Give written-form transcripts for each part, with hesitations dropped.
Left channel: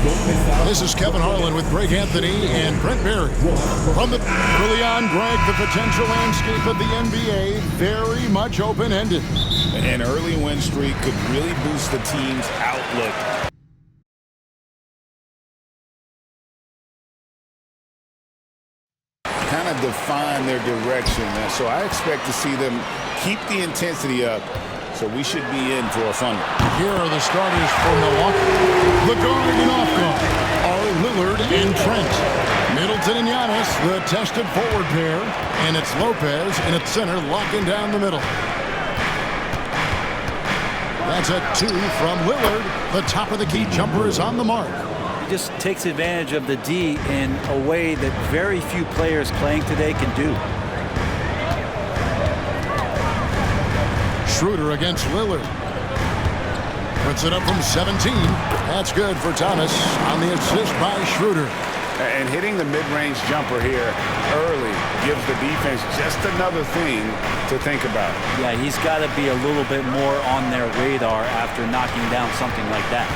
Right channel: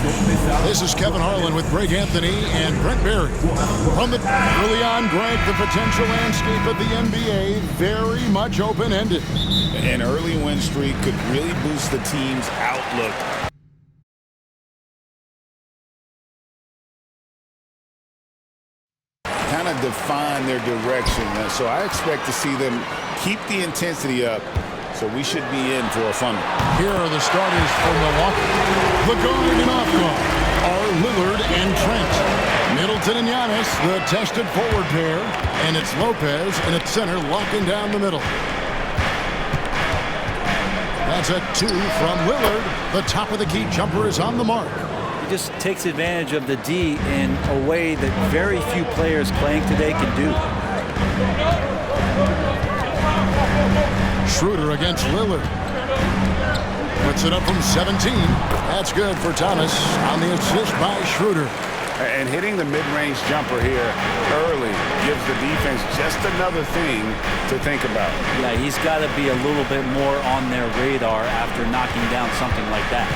This is Kevin Harlan with Greg Anthony and Brent Barry. From the early on, Greg, the potential landscape of the NBA very much open-ended. An early win streak could really boost the team's outlook. Kind of define their direction. So I expect to see them keep the intensity up. So we should be in for a fun one. Here are the starters for Milwaukee. The guard and off guard are Lillard and Trent. Middleton and Giannis, the tested forward pair. And it's Lopez and at center locking down the middle. That's a 2 from Lillard. The top of the key jumper is on the mark. He just takes advantage of the D in a way that very few players playing today can do. Schroeder against Lillard. Puts it up from 17. That's good for Thomas on the assist by Schroeder. And hitting the mid-range jumper here early gives the defense just another thing to think about. Yeah, he's got to be a little bit more on their radar after knocking down something like that.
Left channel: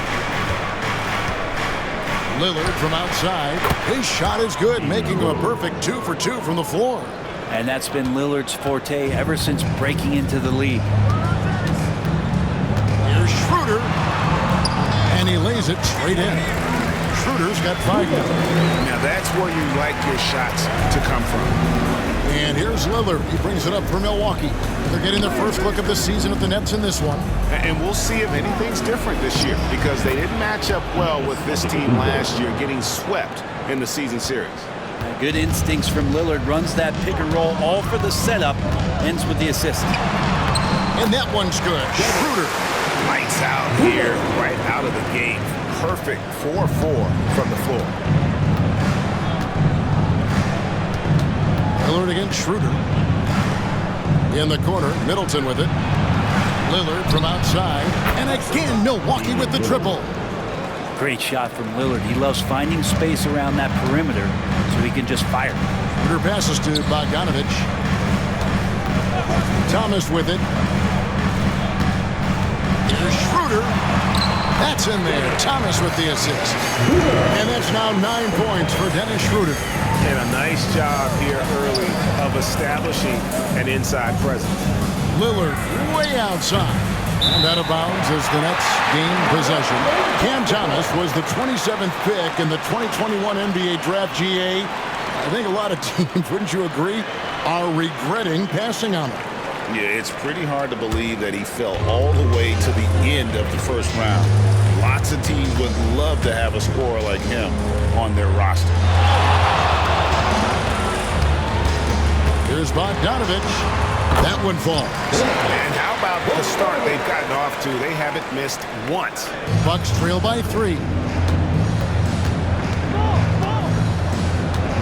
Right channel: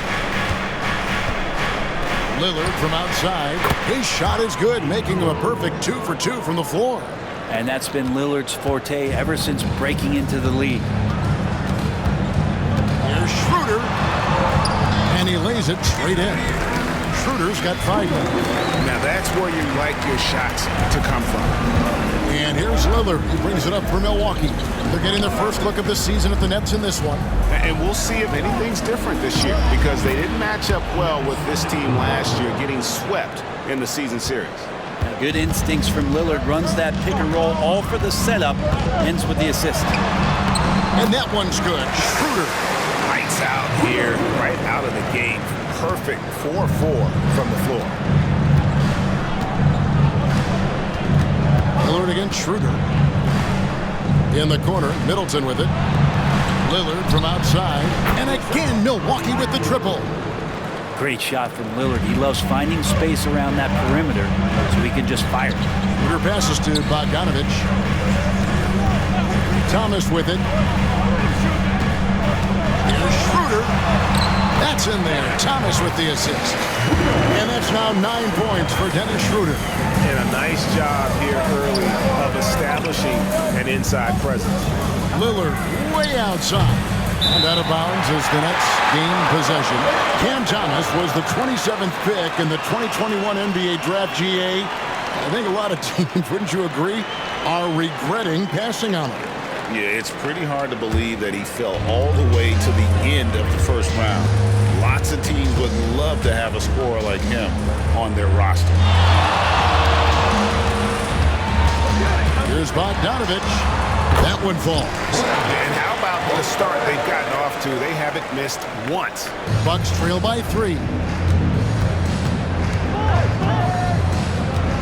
Lillard from outside. His shot is good, making him a perfect 2 for 2 from the floor. And that's been Lillard's forte ever since breaking into the league. Here's Schroeder. And he lays it straight in. Schroeder's got 5 now. Now that's where you like your shots to come from. And here's Lillard. He brings it up for Milwaukee. They're getting their first look of the season at the Nets in this one. And we'll see if anything's different this year because they didn't match up well with this team last year, getting swept in the season series. Good instincts from Lillard. Runs that pick and roll all for the setup. Ends with the assist. And that one's good. Schroeder. Lights out here right out of the gate. Perfect 4-4 from the floor. Lillard against Schroeder. In the corner, Middleton with it. Lillard from outside. And again, Milwaukee with the triple. Great shot from Lillard. He loves finding space around that perimeter so he can just fire. Schroeder passes to Bogdanovic. Thomas with it. Here's Schroeder. That's in there. Thomas with the assist. And that's now 9 points for Dennis Schroeder. And a nice job here early of establishing an inside presence. Lillard way outside. And out of bounds as the Nets gain possession. Cam Thomas was the 27th pick in the 2021 NBA Draft. GA. I think a lot of teams, wouldn't you agree, are regretting passing on him. Yeah, it's pretty hard to believe that he fell all the way to the end of the first round. Lots of teams would love to have a scorer like him on their roster. Here's Bogdanovic. That one falls. And how about the start they've gotten off to? They haven't missed once. Bucks trail by 3.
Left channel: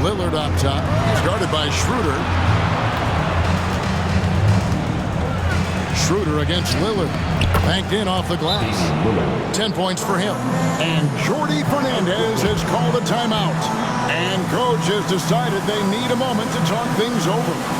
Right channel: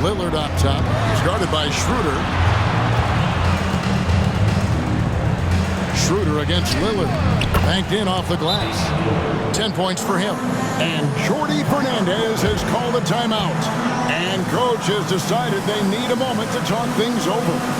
Lillard up top. He's guarded by Schroeder. Schroeder against Lillard. Banked in off the glass. 10 points for him. And Jordi Fernandez has called a timeout. And coach has decided they need a moment to talk things over.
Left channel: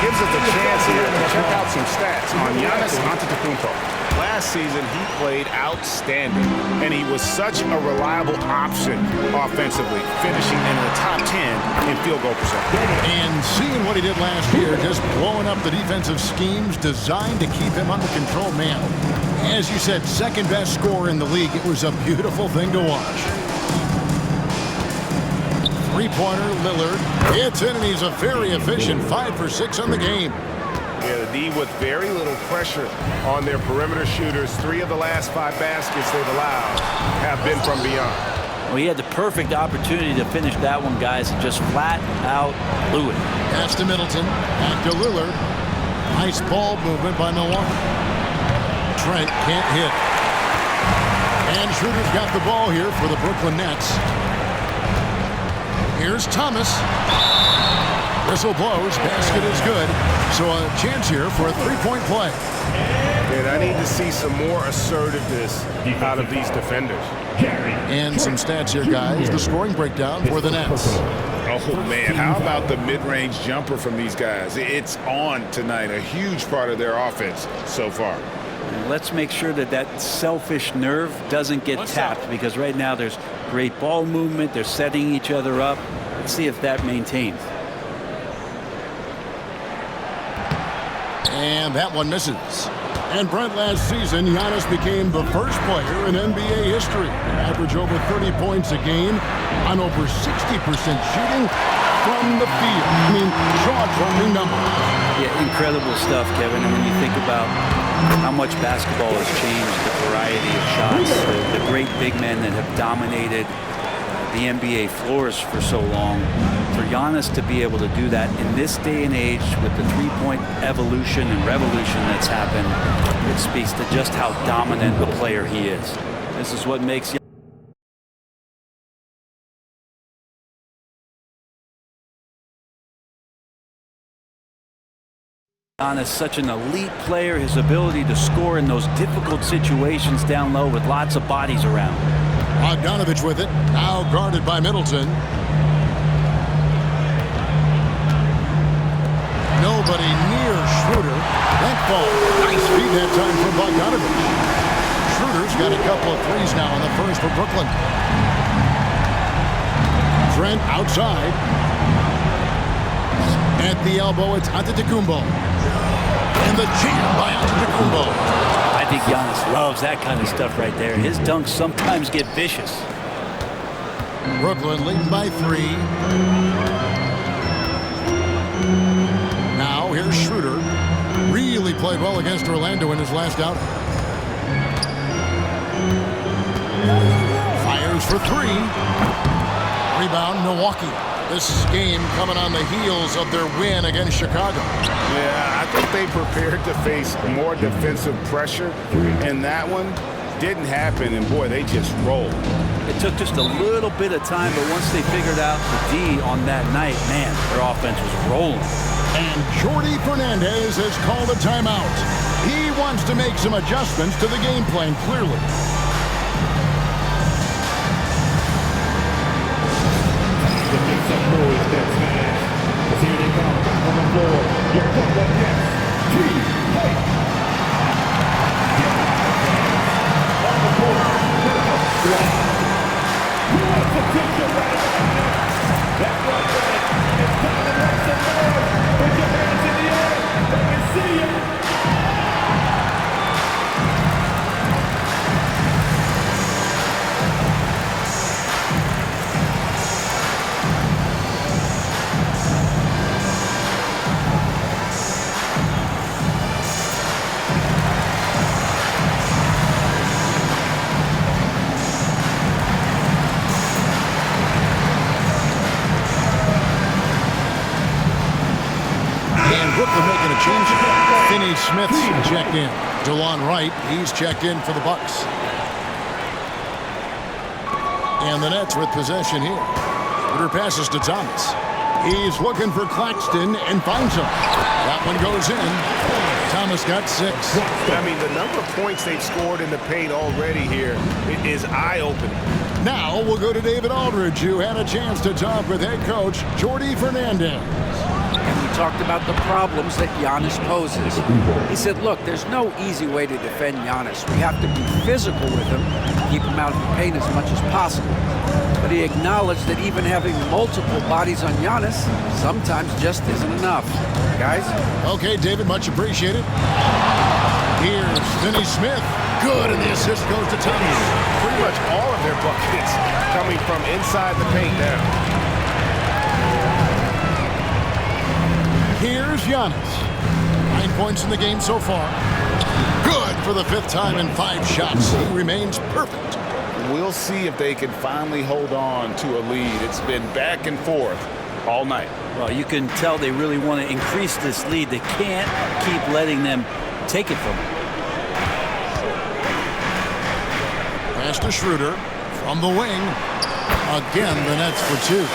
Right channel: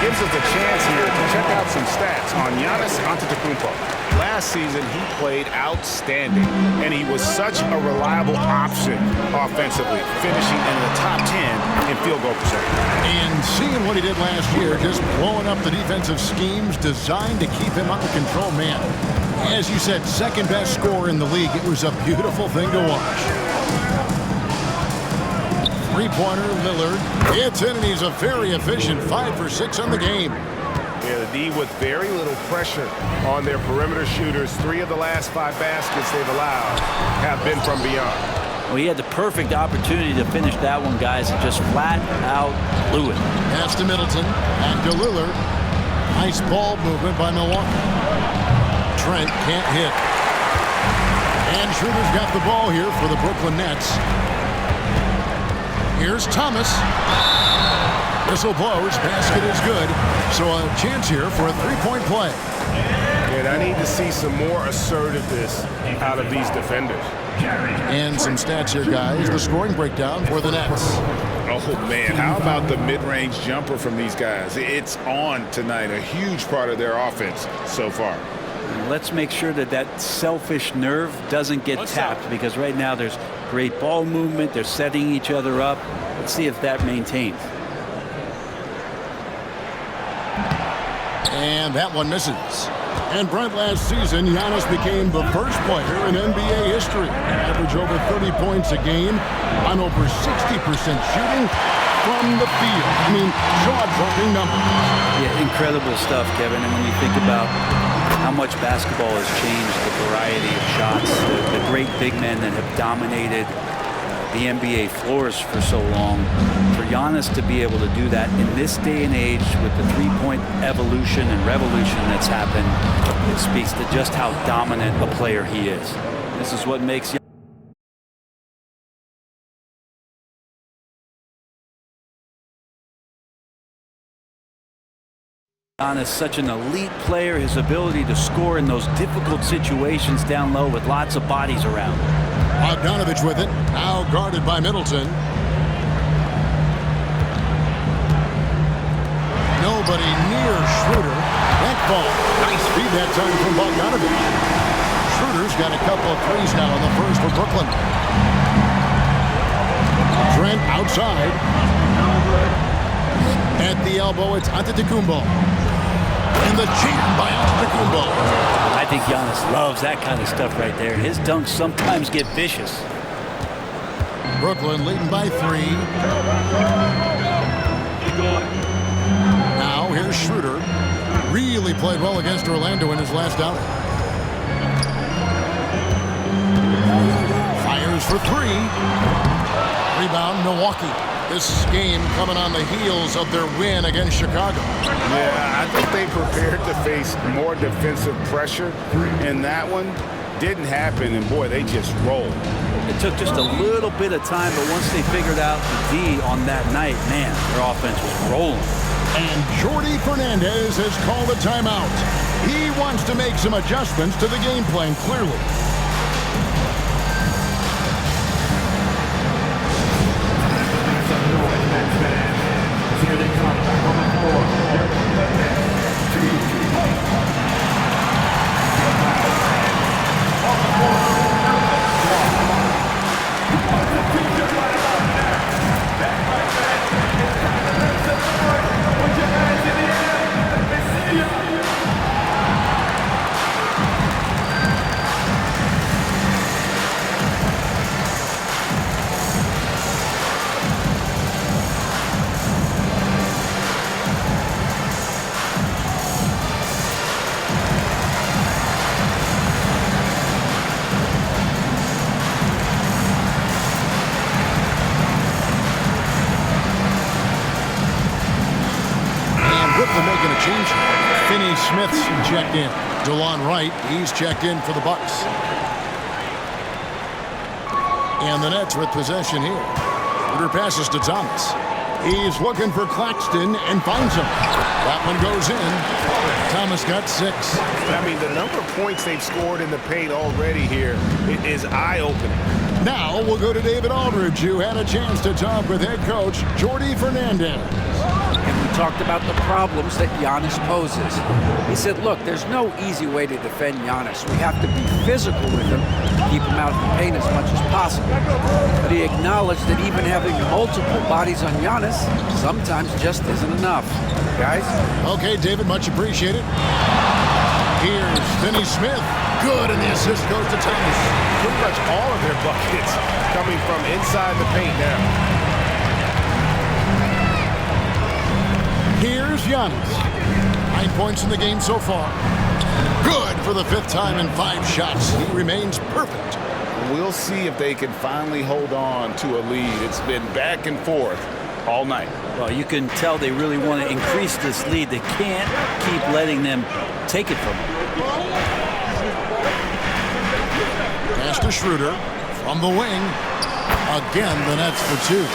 Gives us a chance here to check out some stats on Giannis Antetokounmpo. Last season, he played outstanding, and he was such a reliable option offensively, finishing in the top 10 in field goal percentage. And seeing what he did last year, just blowing up the defensive schemes designed to keep him under control, man. As you said, second best scorer in the league. It was a beautiful thing to watch. Three-pointer, Lillard. It's in, and he's a very efficient 5 for 6 on the game. Yeah, the D with very little pressure on their perimeter shooters. 3 of the last 5 baskets they've allowed have been from beyond. Well, he had the perfect opportunity to finish that one, guys, and just flat out blew it. Pass to Middleton. Back to Lillard. Nice ball movement by Milwaukee. Trent can't hit. And Schroeder's got the ball here for the Brooklyn Nets. Here's Thomas. Whistle blows. Basket is good. So a chance here for a three-point play. And I need to see some more assertiveness out of these defenders. And some stats here, guys. The scoring breakdown for the Nets. Oh, man, how about the mid-range jumper from these guys? It's on tonight, a huge part of their offense so far. And let's make sure that that selfish nerve doesn't get tapped, because right now there's great ball movement. They're setting each other up. Let's see if that maintains. And that one misses. And Brent, last season, Giannis became the first player in NBA history to average over 30 points a game on over 60% shooting from the field. I mean, jaw-dropping numbers. Yeah, incredible stuff, Kevin. And when you think about how much basketball has changed, the variety of shots, the great big men that have dominated the NBA floors for so long, for Giannis to be able to do that in this day and age with the three-point evolution and revolution that's happened, it speaks to just how dominant a player he is. This is what makes Giannis such an elite player. His ability to score in those difficult situations down low with lots of bodies around. Bogdanovich with it, now guarded by Middleton. Nobody near Schroeder. That ball, nice feed that time from Bogdanovich. Schroeder's got a couple of threes now in the first for Brooklyn. Trent outside. At the elbow, it's Antetokounmpo. And the jam by Antetokounmpo. I think Giannis loves that kind of stuff right there. His dunks sometimes get vicious. Brooklyn leading by 3. Now here's Schroeder. Really played well against Orlando in his last outing. Fires for 3. Rebound, Milwaukee. This game coming on the heels of their win against Chicago. Yeah, I think they prepared to face more defensive pressure, and that one didn't happen, and boy, they just rolled. It took just a little bit of time, but once they figured out the D on that night, man, their offense was rolling. And Jordi Fernandez has called a timeout. He wants to make some adjustments to the game plan, clearly. Here they come back on the floor. Here comes the next team. On the floor, here comes Squad. Who wants to teach you right about now? That's right, man. It's time to make some noise. Put your hands in the air. Let me see ya. Brooklyn making a change. Finney Smith's checked in. DeLon Wright, he's checked in for the Bucks. And the Nets with possession here. Schroeder passes to Thomas. He's looking for Claxton and finds him. That one goes in. Thomas got 6. I mean, the number of points they've scored in the paint already here is eye-opening. Now we'll go to David Aldridge, who had a chance to talk with head coach Jordi Fernandez. And we talked about the problems that Giannis poses. He said, look, there's no easy way to defend Giannis. We have to be physical with him, keep him out of the paint as much as possible. But he acknowledged that even having multiple bodies on Giannis sometimes just isn't enough. Guys? Okay, David, much appreciated. Here's Finney Smith. Good, and the assist goes to Thomas. Pretty much all of their buckets coming from inside the paint now. Here's Giannis. 9 points in the game so far. Good for the 5th time in 5 shots. He remains perfect. We'll see if they can finally hold on to a lead. It's been back and forth all night. Well, you can tell they really want to increase this lead. They can't keep letting them take it from them. Pass to Schroeder from the wing. Again, the Nets for 2.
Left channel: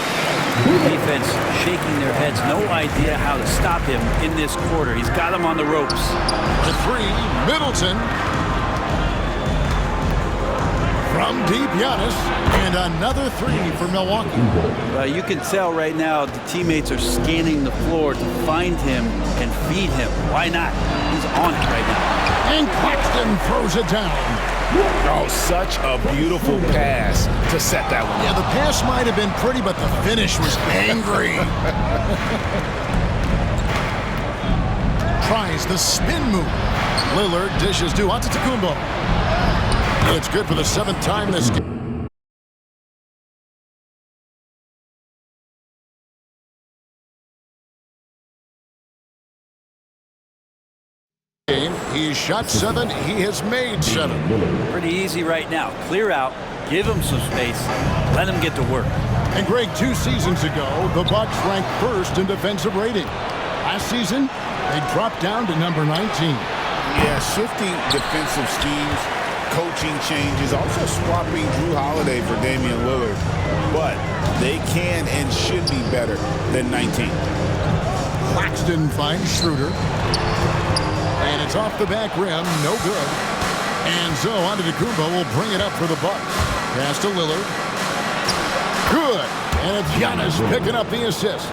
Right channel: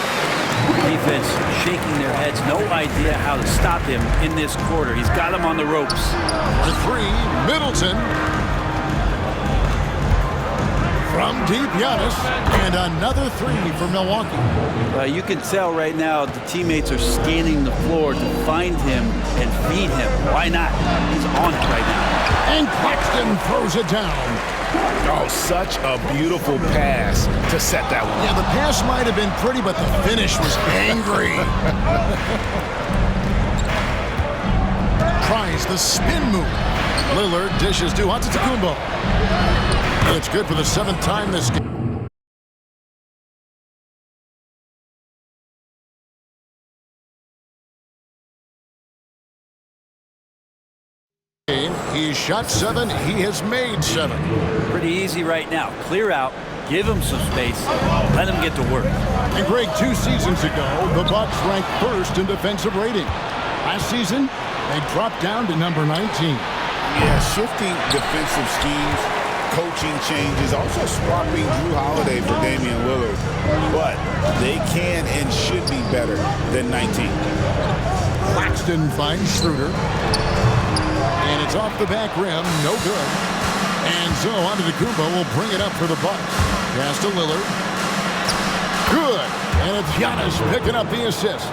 Defense shaking their heads. No idea how to stop him in this quarter. He's got him on the ropes. For 3, Middleton. From deep, Giannis. And another 3 for Milwaukee. You can tell right now the teammates are scanning the floor to find him and feed him. Why not? He's on it right now. And Claxton throws it down. Oh, such a beautiful pass to set that one up. Yeah, the pass might have been pretty, but the finish was angry. Tries the spin move. Lillard dishes to Antetokounmpo. It's good for the 7th time this game. He's shot 7. He has made 7. Pretty easy right now. Clear out. Give him some space. Let him get to work. And Greg, 2 seasons ago, the Bucks ranked 1st in defensive rating. Last season, they dropped down to number 19. Yeah, shifting defensive schemes, coaching changes, also swapping Drew Holiday for Damian Lillard. But they can and should be better than 19. Claxton finds Schroeder. And it's off the back rim, no good. And so Antetokounmpo will bring it up for the Bucks. Pass to Lillard. Good. And it's Giannis picking up the assist.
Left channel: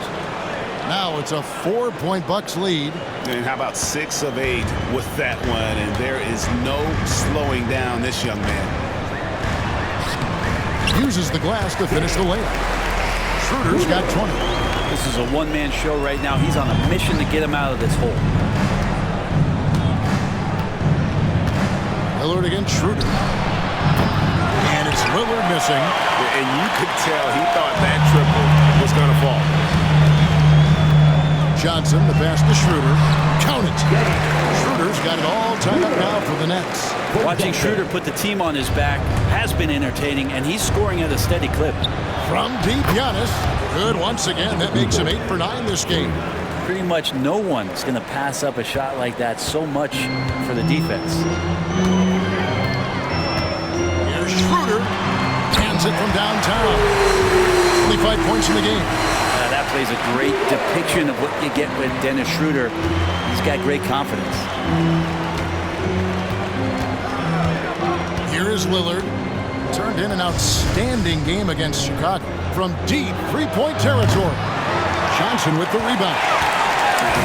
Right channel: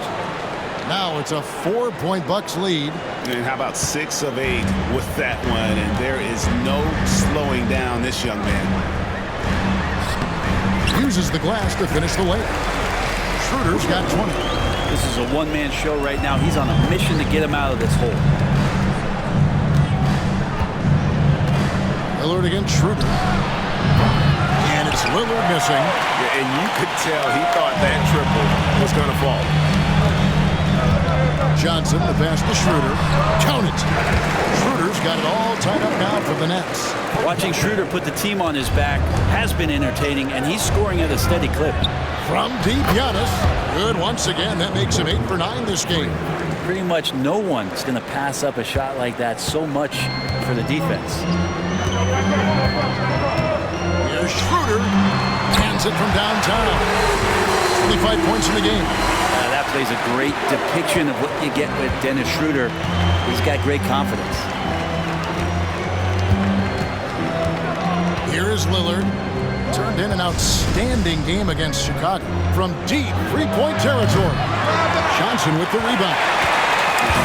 Now it's a 4-point Bucks lead. And how about 6 of 8 with that one? And there is no slowing down this young man. Uses the glass to finish the layup. Schroeder's got 20. This is a one-man show right now. He's on a mission to get him out of this hole. Lillard against Schroeder. And it's Lillard missing. And you could tell he thought that triple was going to fall. Johnson, the pass to Schroeder. Count it. Schroeder's got it all tied up now for the Nets. Watching Schroeder put the team on his back has been entertaining, and he's scoring at a steady clip. From deep, Giannis. Good once again. That makes him 8 for 9 this game. Pretty much no one's going to pass up a shot like that so much for the defense. Here's Schroeder. Hands it from downtown. 25 points in the game. That plays a great depiction of what you get with Dennis Schroeder. He's got great confidence. Here is Lillard. Turned in an outstanding game against Chicago. From deep 3-point territory. Johnson with the rebound.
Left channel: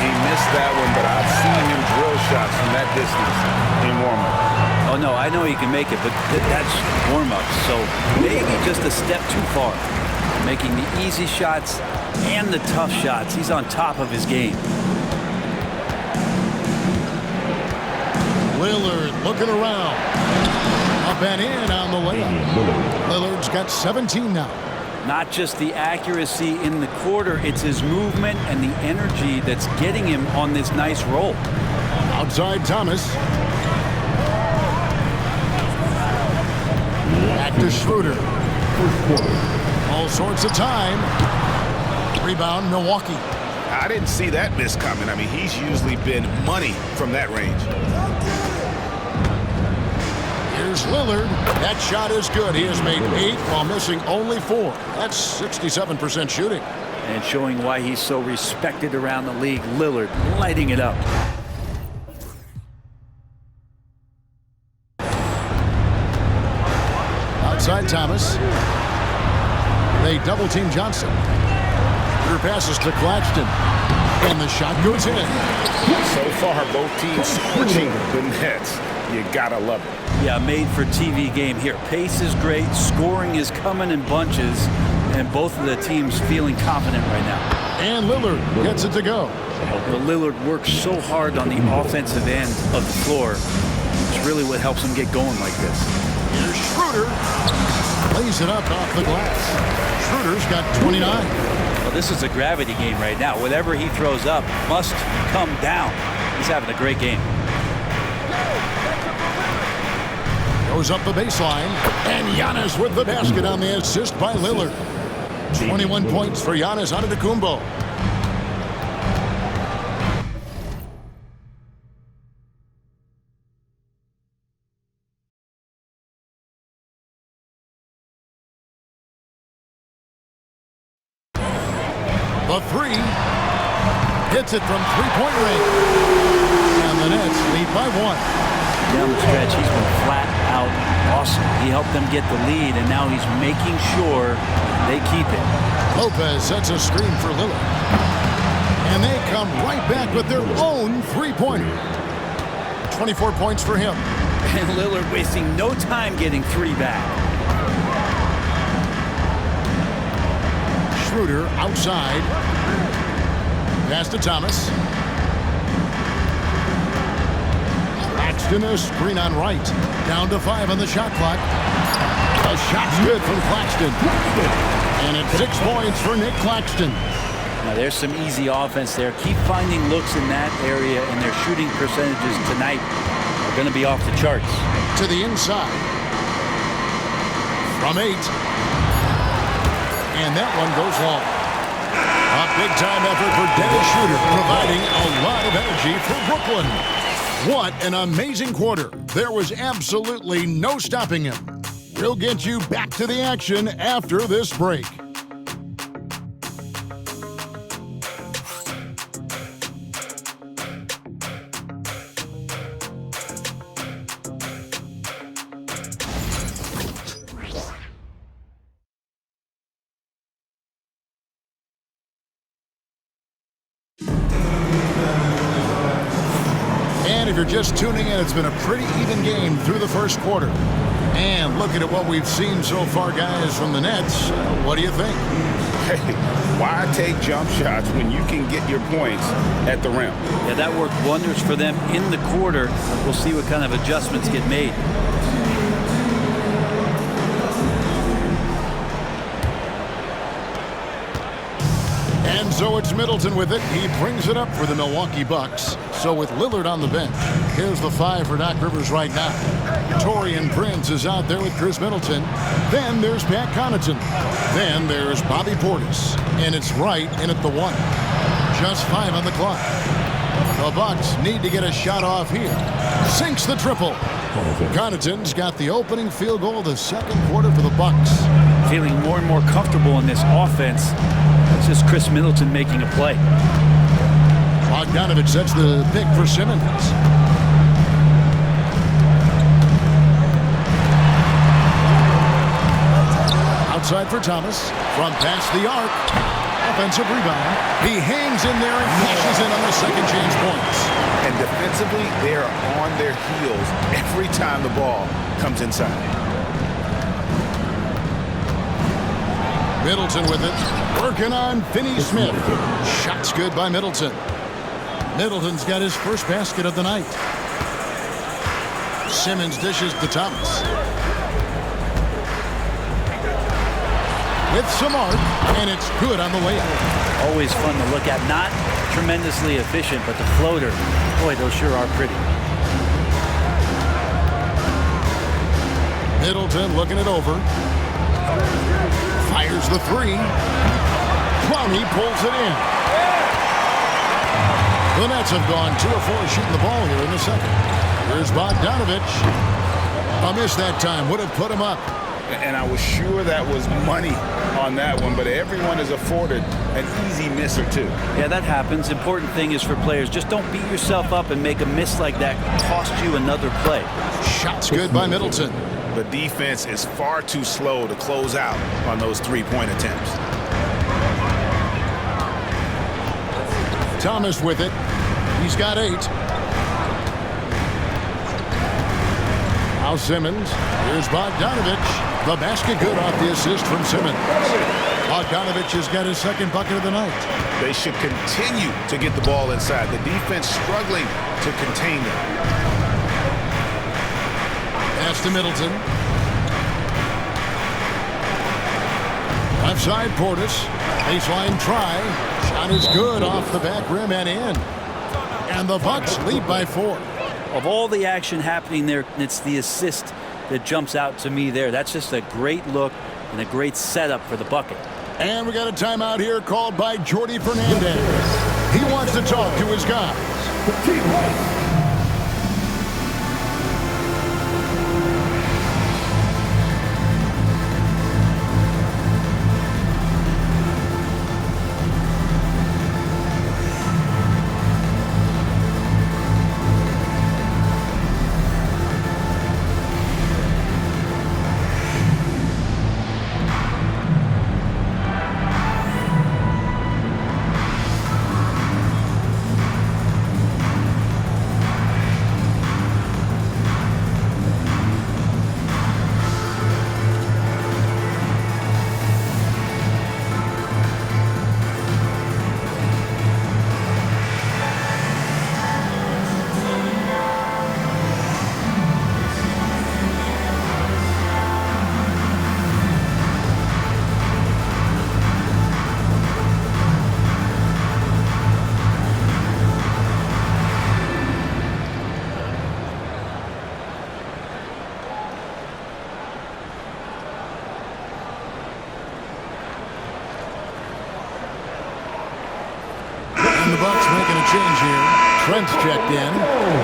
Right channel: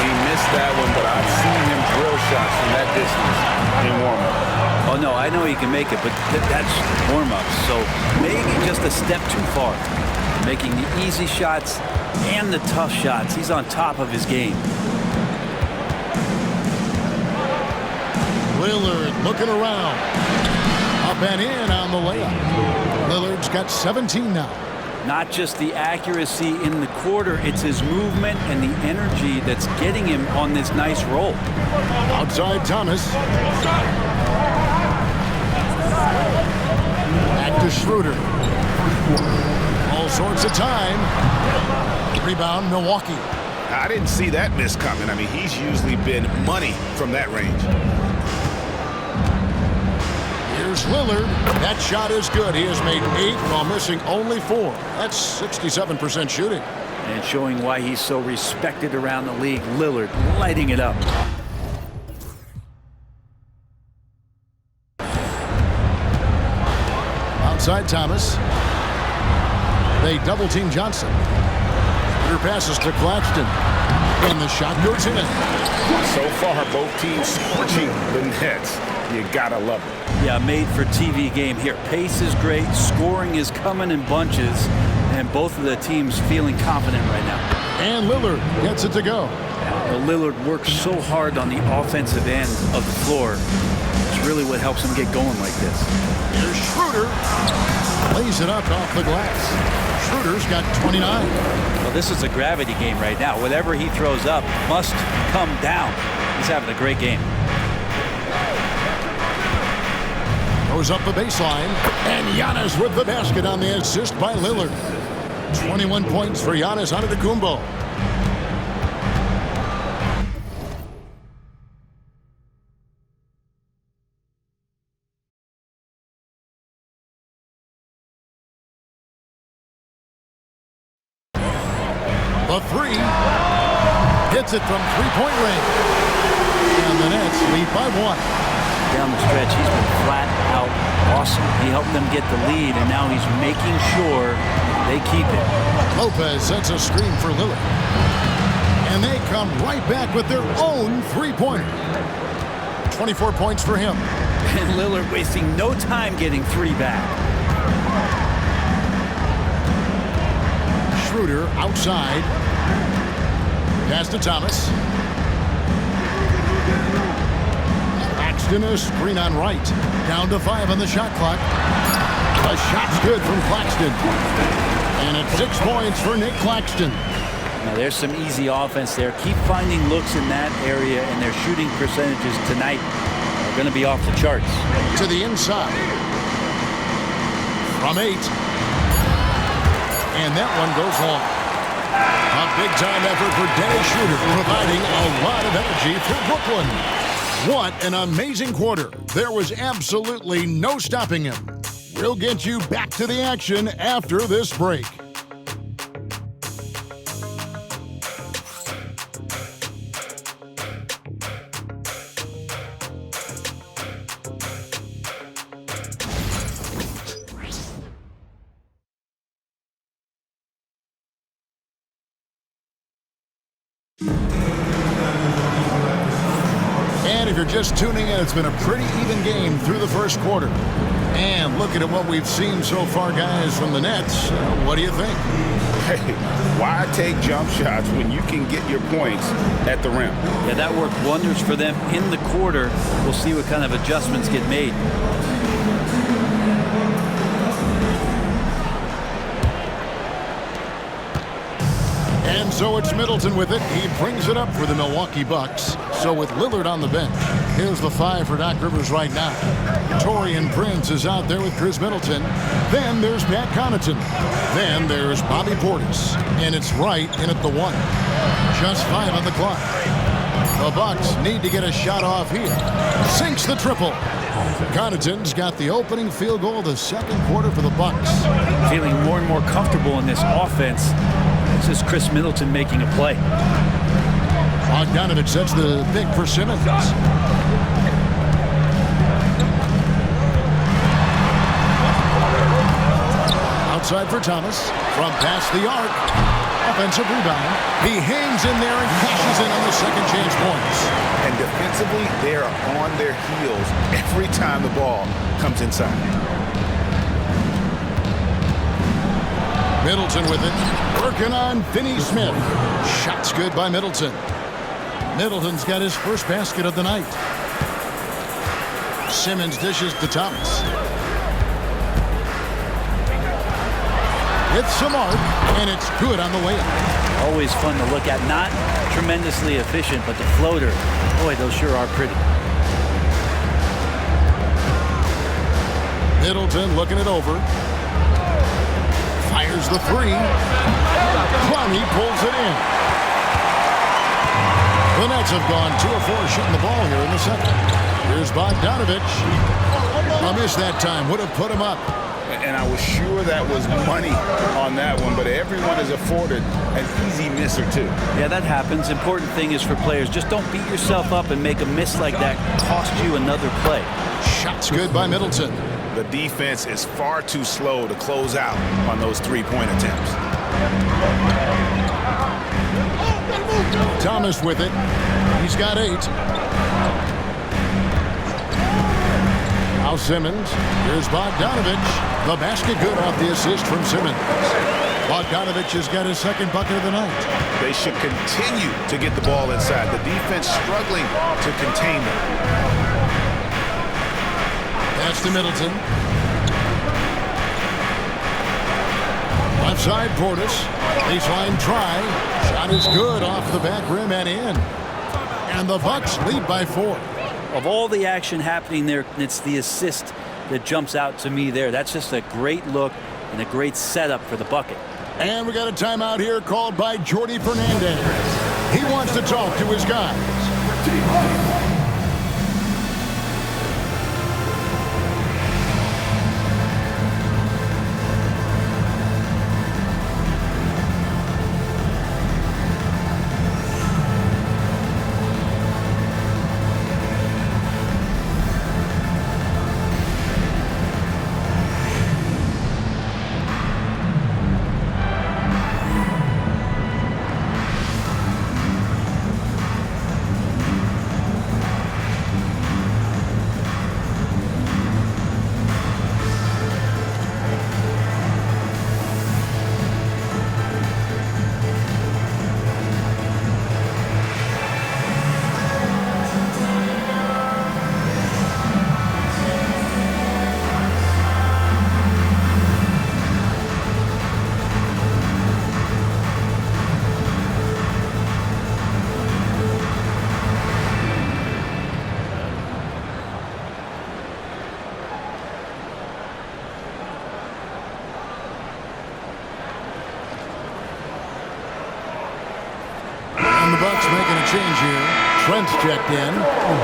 He missed that one, but I've seen him drill shots from that distance in warm-up. Oh, no, I know he can make it, but that's warm-up. So maybe just a step too far. Making the easy shots and the tough shots. He's on top of his game. Lillard looking around. Up and in on the layup. Lillard's got 17 now. Not just the accuracy in the quarter, it's his movement and the energy that's getting him on this nice roll. Outside Thomas. Back to Schroeder. All sorts of time. Rebound, Milwaukee. I didn't see that miss coming. I mean, he's usually been money from that range. Here's Lillard. That shot is good. He has made 8 while missing only 4. That's 67% shooting. And showing why he's so respected around the league. Lillard lighting it up. Outside Thomas. They double team Johnson. Schroeder passes to Claxton. And the shot goes in. So far, both teams scorching the Nets. You gotta love it. Yeah, made for TV game here. Pace is great. Scoring is coming in bunches. And both of the teams feeling confident right now. And Lillard gets it to go. Lillard works so hard on the offensive end of the floor. It's really what helps them get going like this. Here's Schroeder. Lays it up off the glass. Schroeder's got 29. Well, this is a gravity game right now. Whatever he throws up must come down. He's having a great game. Goes up the baseline. And Giannis with the basket on the assist by Lillard. 21 points for Giannis Antetokounmpo. The three. Hits it from three-point range. And the Nets lead by 1. Down the stretch, he's been flat out awesome. He helped them get the lead, and now he's making sure they keep it. Lopez sets a screen for Lillard. And they come right back with their own three-pointer. 24 points for him. And Lillard wasting no time getting 3 back. Schroeder outside. Pass to Thomas. Claxton a screen on right. Down to 5 on the shot clock. A shot's good from Claxton. And it's 6 points for Nick Claxton. Now there's some easy offense there. Keep finding looks in that area, and their shooting percentages tonight are going to be off the charts. To the inside. From 8. And that one goes long. A big-time effort for Dennis Schroeder, providing a lot of energy for Brooklyn. What an amazing quarter. There was absolutely no stopping him. We'll get you back to the action after this break. And if you're just tuning in, it's been a pretty even game through the first quarter. And looking at what we've seen so far, guys, from the Nets, what do you think? Hey, why take jump shots when you can get your points at the rim? Yeah, that worked wonders for them in the quarter. We'll see what kind of adjustments get made. And so it's Middleton with it. He brings it up for the Milwaukee Bucks. So with Lillard on the bench, here's the 5 for Doc Rivers right now. Taurean Prince is out there with Chris Middleton. Then there's Pat Connaughton. Then there's Bobby Portis. And it's right in at the 1. Just 5 on the clock. The Bucks need to get a shot off here. Sinks the triple. Connaughton's got the opening field goal of the second quarter for the Bucks. Feeling more and more comfortable in this offense. That's just Chris Middleton making a play. Bogdanovich sets the pick for Simmons. Outside for Thomas. From past the arc. Offensive rebound. He hangs in there and cashes in on the second chance points. And defensively, they are on their heels every time the ball comes inside. Middleton with it. Working on Finney-Smith. Shot's good by Middleton. Middleton's got his first basket of the night. Simmons dishes to Thomas. With some arc, and it's good on the way up. Always fun to look at. Not tremendously efficient, but the floater, boy, those sure are pretty. Middleton looking it over. Fires the 3. Clowney pulls it in. The Nets have gone 2 of 4 shooting the ball here in the second. Here's Bogdanovich. A miss that time would have put him up. And I was sure that was money on that one, but everyone is afforded an easy miss or 2. Yeah, that happens. Important thing is for players, just don't beat yourself up and make a miss like that cost you another play. Shot's good by Middleton. The defense is far too slow to close out on those 3-point attempts. Thomas with it. He's got 8. Now Simmons. Here's Bogdanovich. The basket good off the assist from Simmons. Bogdanovich has got his second bucket of the night. They should continue to get the ball inside. The defense struggling to contain them. Pass to Middleton. Left side, Portis. Baseline try. Shot is good off the back rim and in. And the Bucks lead by 4. Of all the action happening there, it's the assist that jumps out to me there. That's just a great look and a great setup for the bucket. And we got a timeout here called by Jordi Fernandez. He wants to talk to his guys. And the Bucks making a change here. Trent's checked in,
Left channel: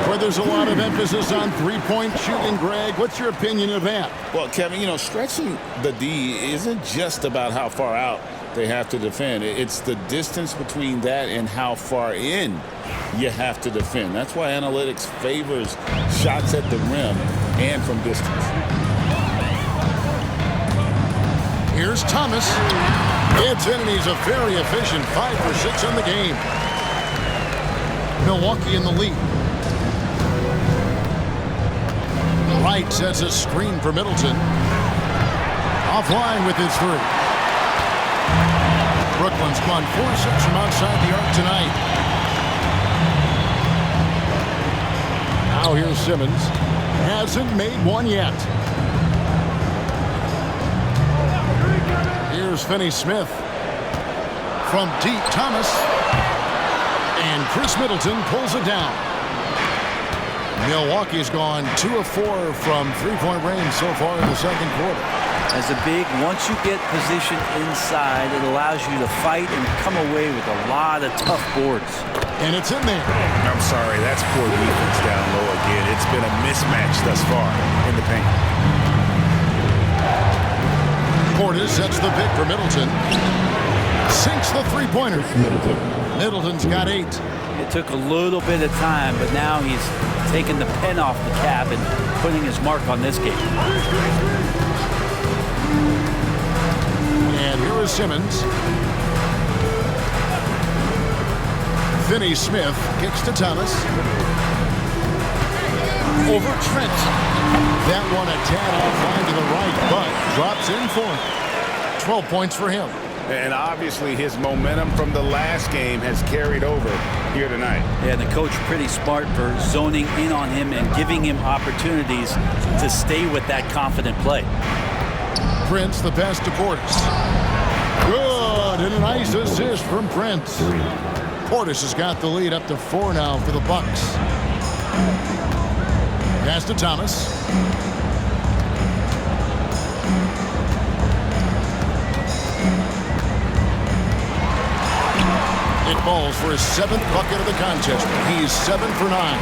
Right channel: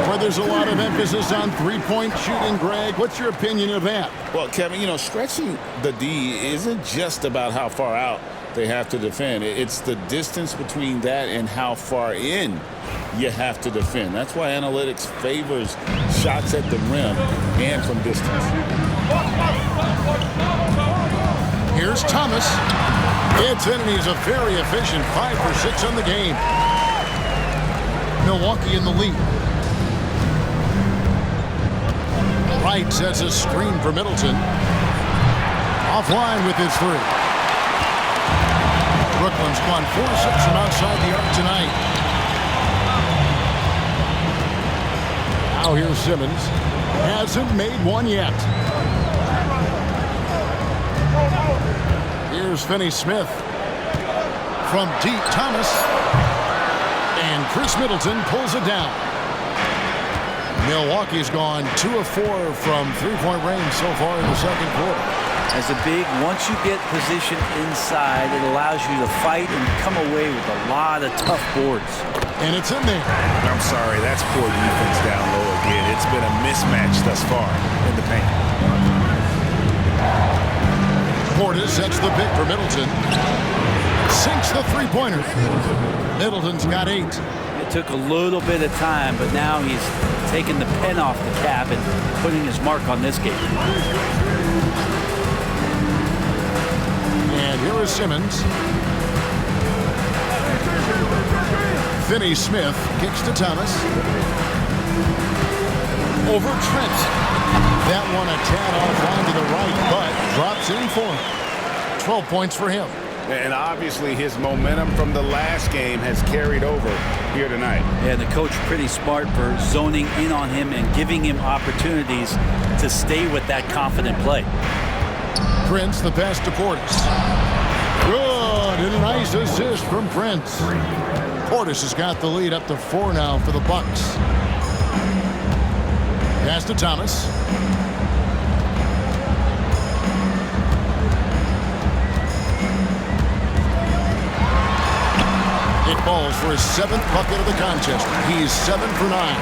where there's a lot of emphasis on three-point shooting. Greg, what's your opinion of that? Well, Kevin, stretching the D isn't just about how far out they have to defend. It's the distance between that and how far in you have to defend. That's why analytics favors shots at the rim and from distance. Here's Thomas. It's in, and he's a very efficient 5 for 6 on the game. Milwaukee in the lead. Wright sets a screen for Middleton. Offline with his 3. Brooklyn's gone 4-6 from outside the arc tonight. Now here's Simmons. Hasn't made one yet. Here's Finney-Smith. From deep, Thomas. And Chris Middleton pulls it down. Milwaukee's gone 2 of 4 from three-point range so far in the second quarter. As a big, once you get position inside, it allows you to fight and come away with a lot of tough boards. And it's in there. I'm sorry, that's poor defense down low again. It's been a mismatch thus far in the paint. Portis sets the pick for Middleton. Sinks the three-pointer. Middleton's got 8. It took a little bit of time, but now he's taking the pen off the cap and putting his mark on this game. And here is Simmons. Finney-Smith kicks to Thomas. Over Trent. That one a tad offline to the right, but drops in for him. 12 points for him. And obviously his momentum from the last game has carried over here tonight. Yeah, and the coach pretty smart for zoning in on him and giving him opportunities to stay with that confident play. Prince, the pass to Portis. Good, and a nice assist from Prince. Portis has got the lead up to 4 now for the Bucks. Pass to Thomas. It falls for his 7th bucket of the contest. He's 7 for 9.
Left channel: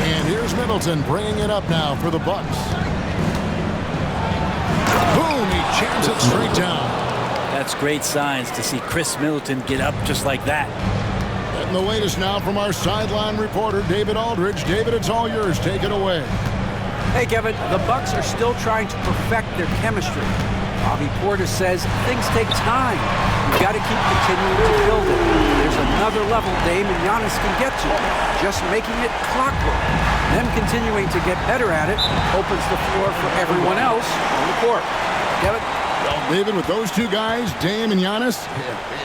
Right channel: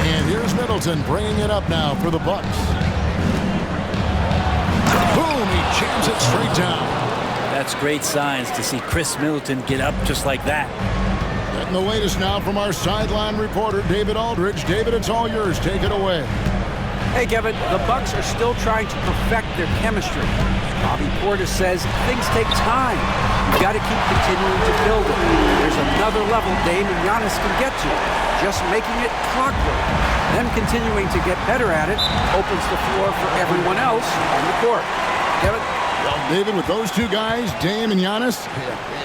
And here's Middleton bringing it up now for the Bucks. Boom, he jams it straight down. That's great signs to see Chris Middleton get up just like that. Getting the latest now from our sideline reporter, David Aldridge. David, it's all yours. Take it away. Hey, Kevin, the Bucks are still trying to perfect their chemistry. Bobby Portis says things take time. You've got to keep continuing to build it. There's another level Dame and Giannis can get to. Just making it clockwork. Them continuing to get better at it opens the floor for everyone else on the court. Kevin? Well, David, with those two guys, Dame and Giannis,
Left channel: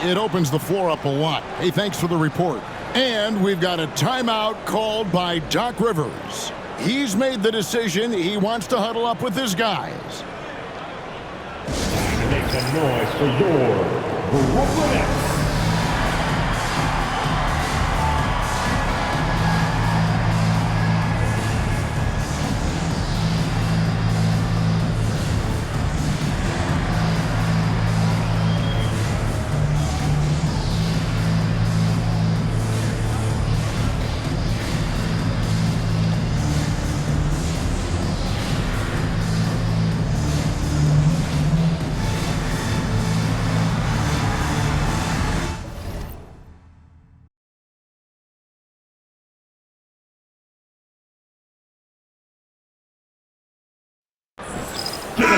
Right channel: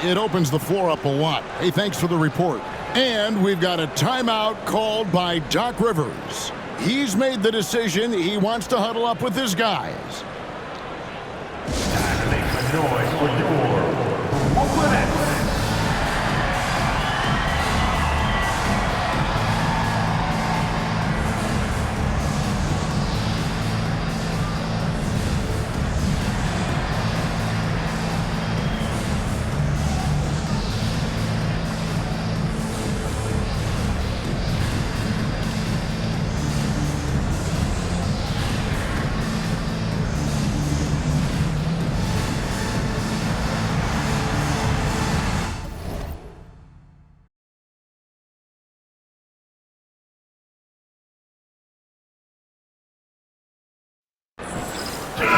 it opens the floor up a lot. Hey, thanks for the report. And we've got a timeout called by Doc Rivers. He's made the decision. He wants to huddle up with his guys. Time to make some noise for your Brooklyn Nets.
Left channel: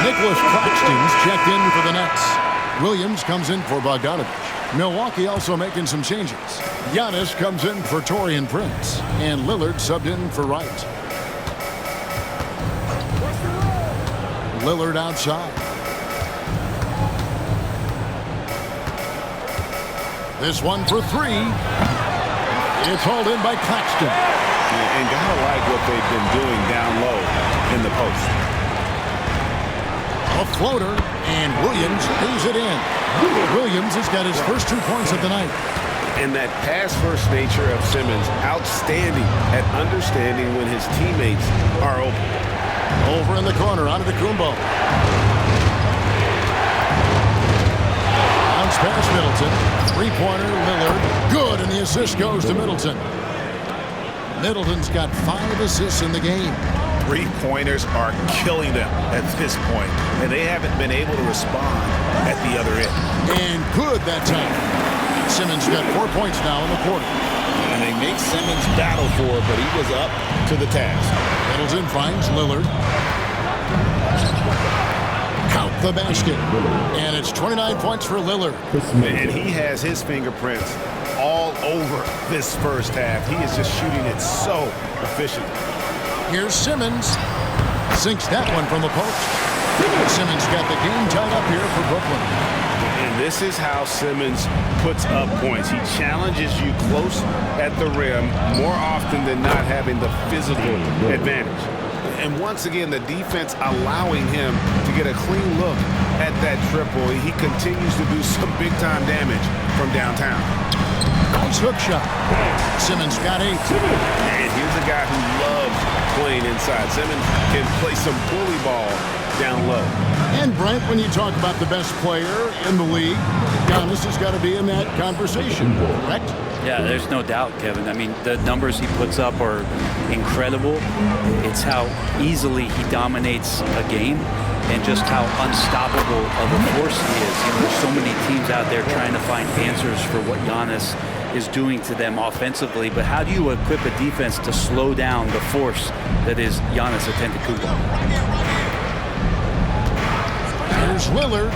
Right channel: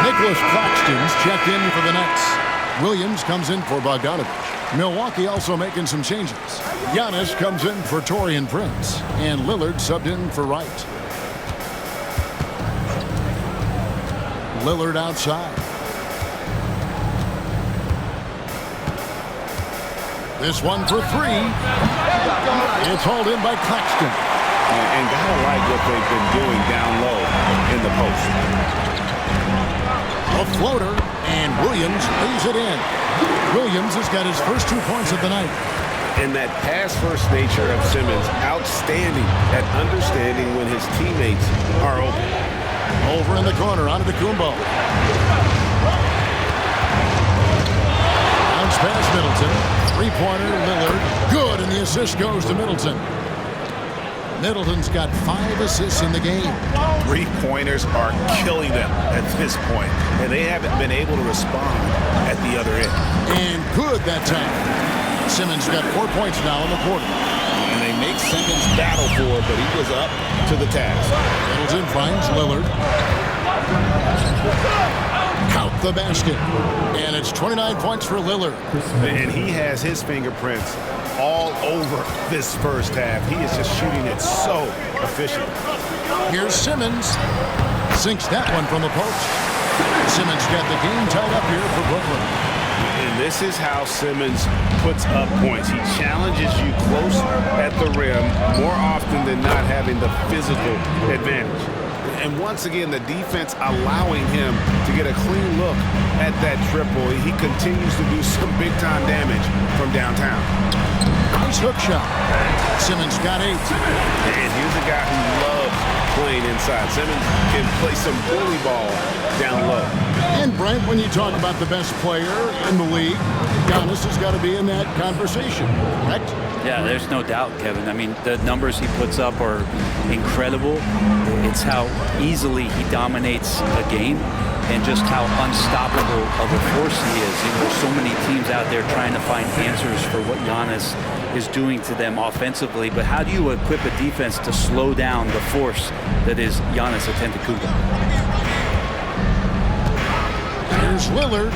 Nicholas Claxton's checked in for the Nets. Williams comes in for Bogdanovich. Milwaukee also making some changes. Giannis comes in for Taurean Prince. And Lillard subbed in for Wright. Lillard outside. This one for three. It's hauled in by Claxton. And gotta like what they've been doing down low in the post. A floater, and Williams lays it in. Williams has got his first 2 points of the night. And that pass-first nature of Simmons, outstanding at understanding when his teammates are open. Over in the corner, onto the Kumbo. Bounce past Middleton. Three-pointer, Lillard. Good, and the assist goes to Middleton. Middleton's got 5 assists in the game. Three-pointers are killing them at this point, and they haven't been able to respond at the other end. And good that time. Simmons got 4 points now in the quarter. And they make Simmons battle for it, but he was up to the task. Middleton finds Lillard. Count the basket. And it's 29 points for Lillard. And he has his fingerprints all over this first half. He is just shooting it so efficient. Here's Simmons. Sinks that one from the post. Simmons got the game tied up here for Brooklyn. And this is how Simmons puts up points. He challenges you close at the rim more often than not, having the physical advantage. And once again, the defense allowing him to get a clean look at that triple. He continues to do some big-time damage from downtown. Nice hook shot. Simmons got 8. And here's a guy who loves playing inside. Simmons can play some bully ball down low. And Brent, when you talk about the best player in the league, Giannis has got to be in that conversation, correct? Yeah, there's no doubt, Kevin. I mean, the numbers he puts up are incredible. It's how easily he dominates a game and just how unstoppable of a force he is. You know, there's so many teams out there trying to find answers for what Giannis is doing to them offensively, but how do you equip a defense to slow down the force that is Giannis Antetokounmpo? Here's Lillard.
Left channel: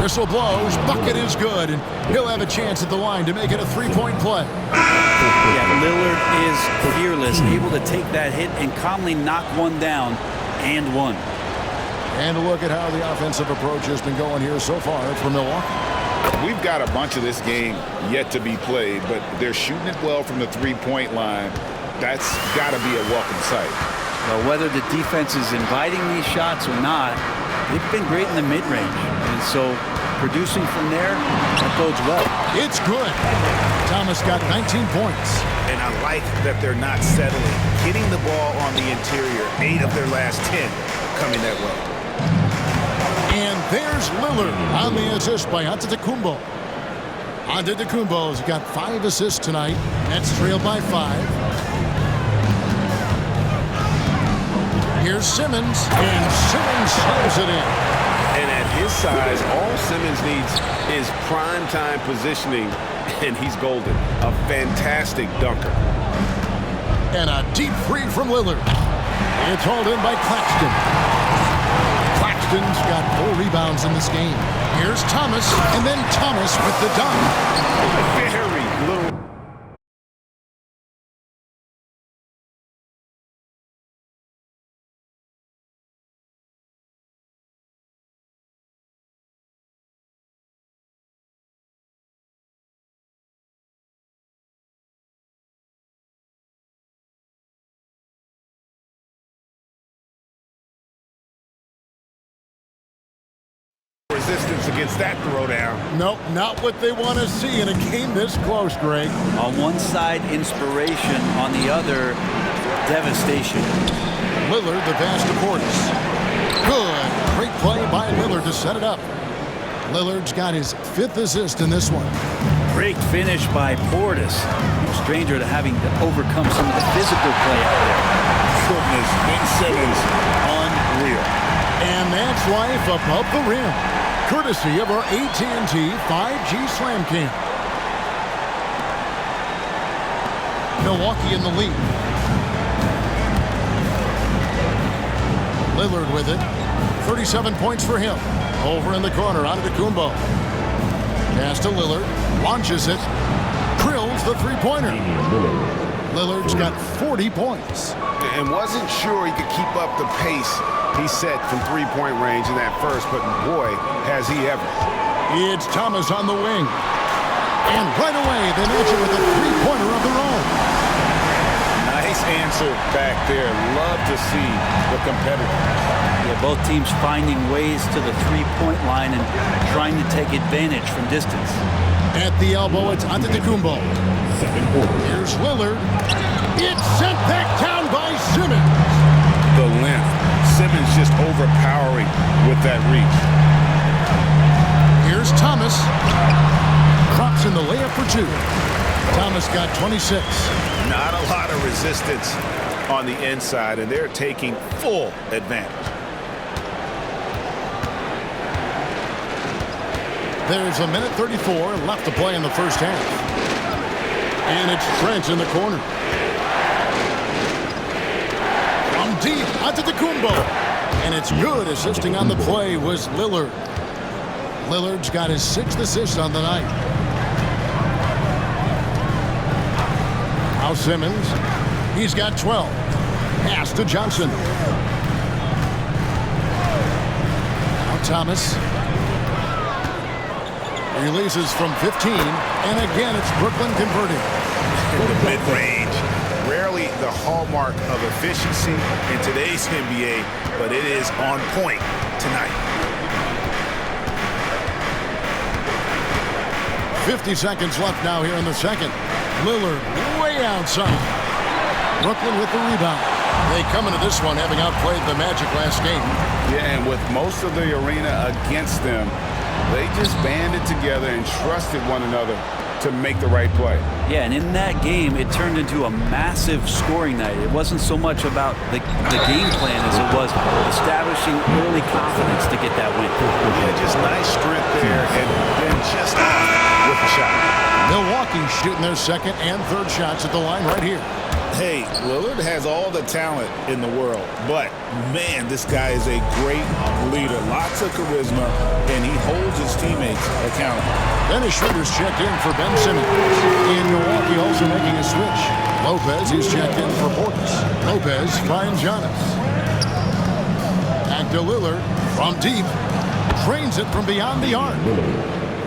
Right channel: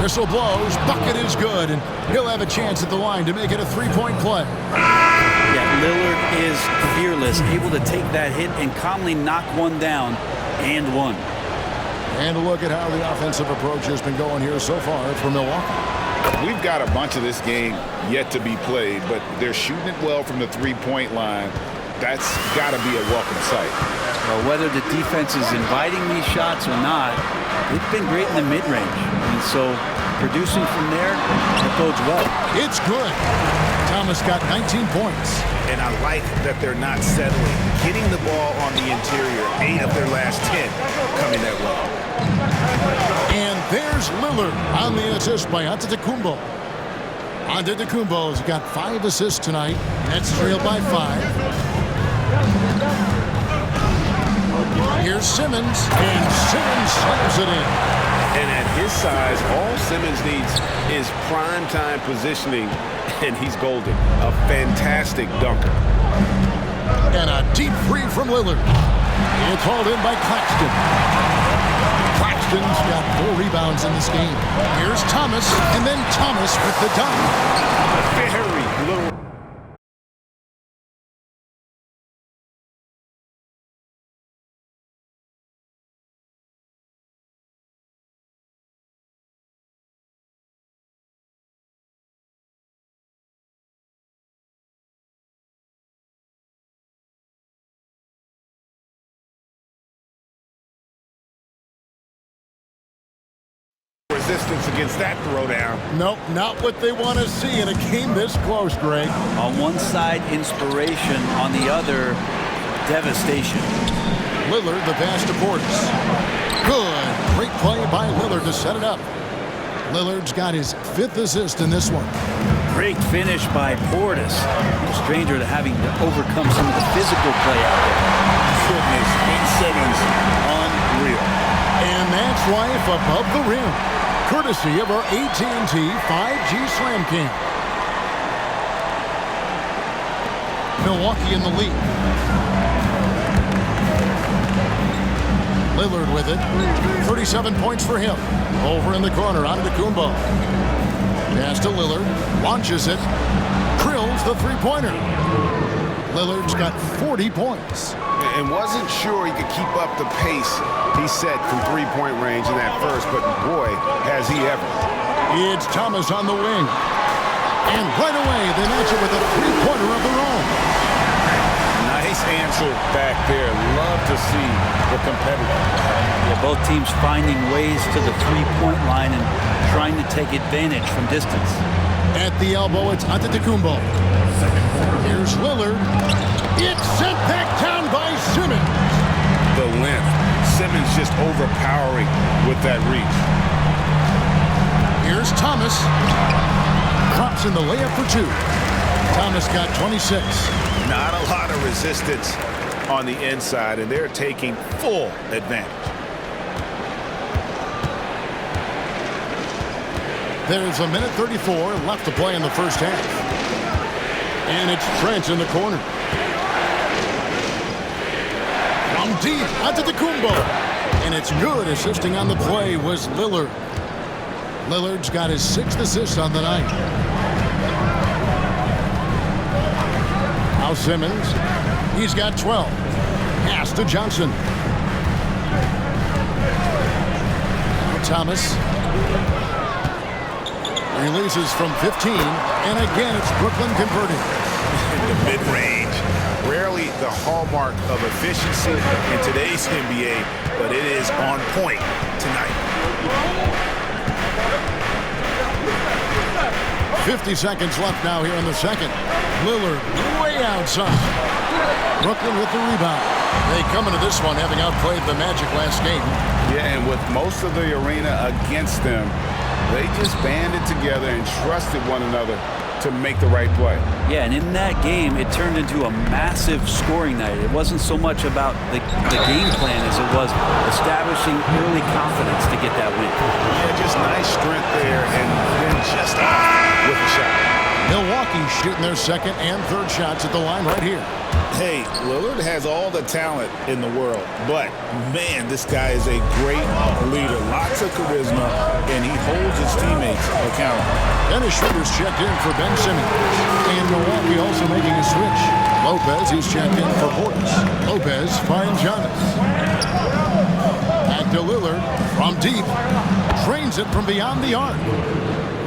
Whistle blows. Bucket is good, and he'll have a chance at the line to make it a 3-point play. Yeah, Lillard is fearless, able to take that hit and calmly knock one down and one. And a look at how the offensive approach has been going here so far for Milwaukee. We've got a bunch of this game yet to be played, but they're shooting it well from the three-point line. That's got to be a welcome sight. Well, whether the defense is inviting these shots or not, they've been great in the mid-range. And so producing from there, that bodes well. It's good. Thomas got 19 points. And I like that they're not settling. Getting the ball on the interior, 8 of their last 10 coming that way. And there's Lillard on the assist by Antetokounmpo. Antetokounmpo has got 5 assists tonight. Nets trailed by 5. Here's Simmons, and Simmons slams it in. And at his size, all Simmons needs is prime-time positioning, and he's golden. A fantastic dunker. And a deep three from Lillard. It's hauled in by Claxton. Claxton's got 4 rebounds in this game. Here's Thomas, and then Thomas with the dunk. Very little resistance against that throwdown. Nope, not what they want to see in a game this close, Greg. On one side, inspiration. On the other, devastation. Lillard, the pass to Portis. Good. Great play by Lillard to set it up. Lillard's got his 5th assist in this one. Great finish by Portis. No stranger to having to overcome some of the physical play out there. Goodness, Ben Simmons, unreal. And that's life above the rim, courtesy of our AT&T 5G Slam Cam. Milwaukee in the lead. Lillard with it. 37 points for him. Over in the corner, Antetokounmpo. Pass to Lillard. Launches it. Drills the three-pointer. Lillard's got 40 points. And wasn't sure he could keep up the pace he set from three-point range in that first, but boy, has he ever. It's Thomas on the wing. And right away, they match it with a three-pointer of their own. Nice answer back there. Love to see the competitor. Yeah, both teams finding ways to the three-point line and trying to take advantage from distance. At the elbow, it's Antetokounmpo. Here's Lillard. It's sent back down by Simmons. The length. Simmons just overpowering with that reach. Here's Thomas. Drops in the layup for 2. Thomas got 26. Not a lot of resistance on the inside, and they're taking full advantage. There's a minute 34 left to play in the first half. And it's Trent in the corner. From deep, Antetokounmpo. And it's good. Assisting on the play was Lillard. Lillard's got his 6th assist on the night. Now Simmons. He's got 12. Pass to Johnson. Now Thomas. Releases from 15, and again it's Brooklyn converting. In the mid-range, rarely the hallmark of efficiency in today's NBA, but it is on point tonight. 50 seconds left now here in the second. Lillard way outside. Brooklyn with the rebound. They come into this one having outplayed the Magic last game. Yeah, and with most of the arena against them, they just banded together and trusted one another to make the right play. Yeah, and in that game, it turned into a massive scoring night. It wasn't so much about the game plan as it was establishing early confidence to get that win. Yeah, just nice strength there, and then just off with the shot. Milwaukee shooting their 2nd and 3rd shots at the line right here. Hey, Lillard has all the talent in the world, but man, this guy is a great leader. Lots of charisma, and he holds his teammates accountable. Dennis Schroeder's checked in for Ben Simmons. And Milwaukee also making a switch. Lopez, he's checked in for Portis. Lopez finds Giannis. Back to Lillard from deep. Drains it from beyond the arc.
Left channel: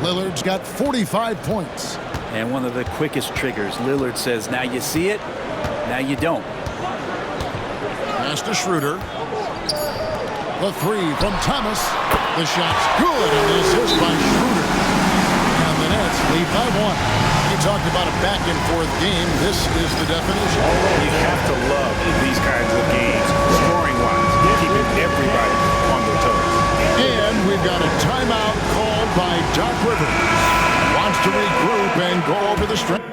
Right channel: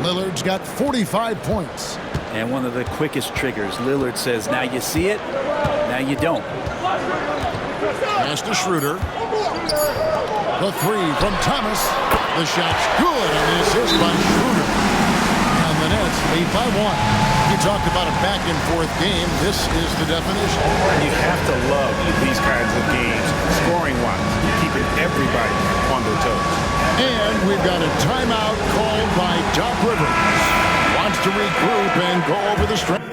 Lillard's got 45 points. And one of the quickest triggers. Lillard says, now you see it, now you don't. Pass to Schroeder. The 3 from Thomas. The shot's good on the assist by Schroeder. And the Nets lead by 1. You talked about a back-and-forth game. This is the definition. You have to love these kinds of games, scoring-wise, keeping everybody on their toes. And we've got a timeout called by Doc Rivers. Wants to regroup and go over the strategy.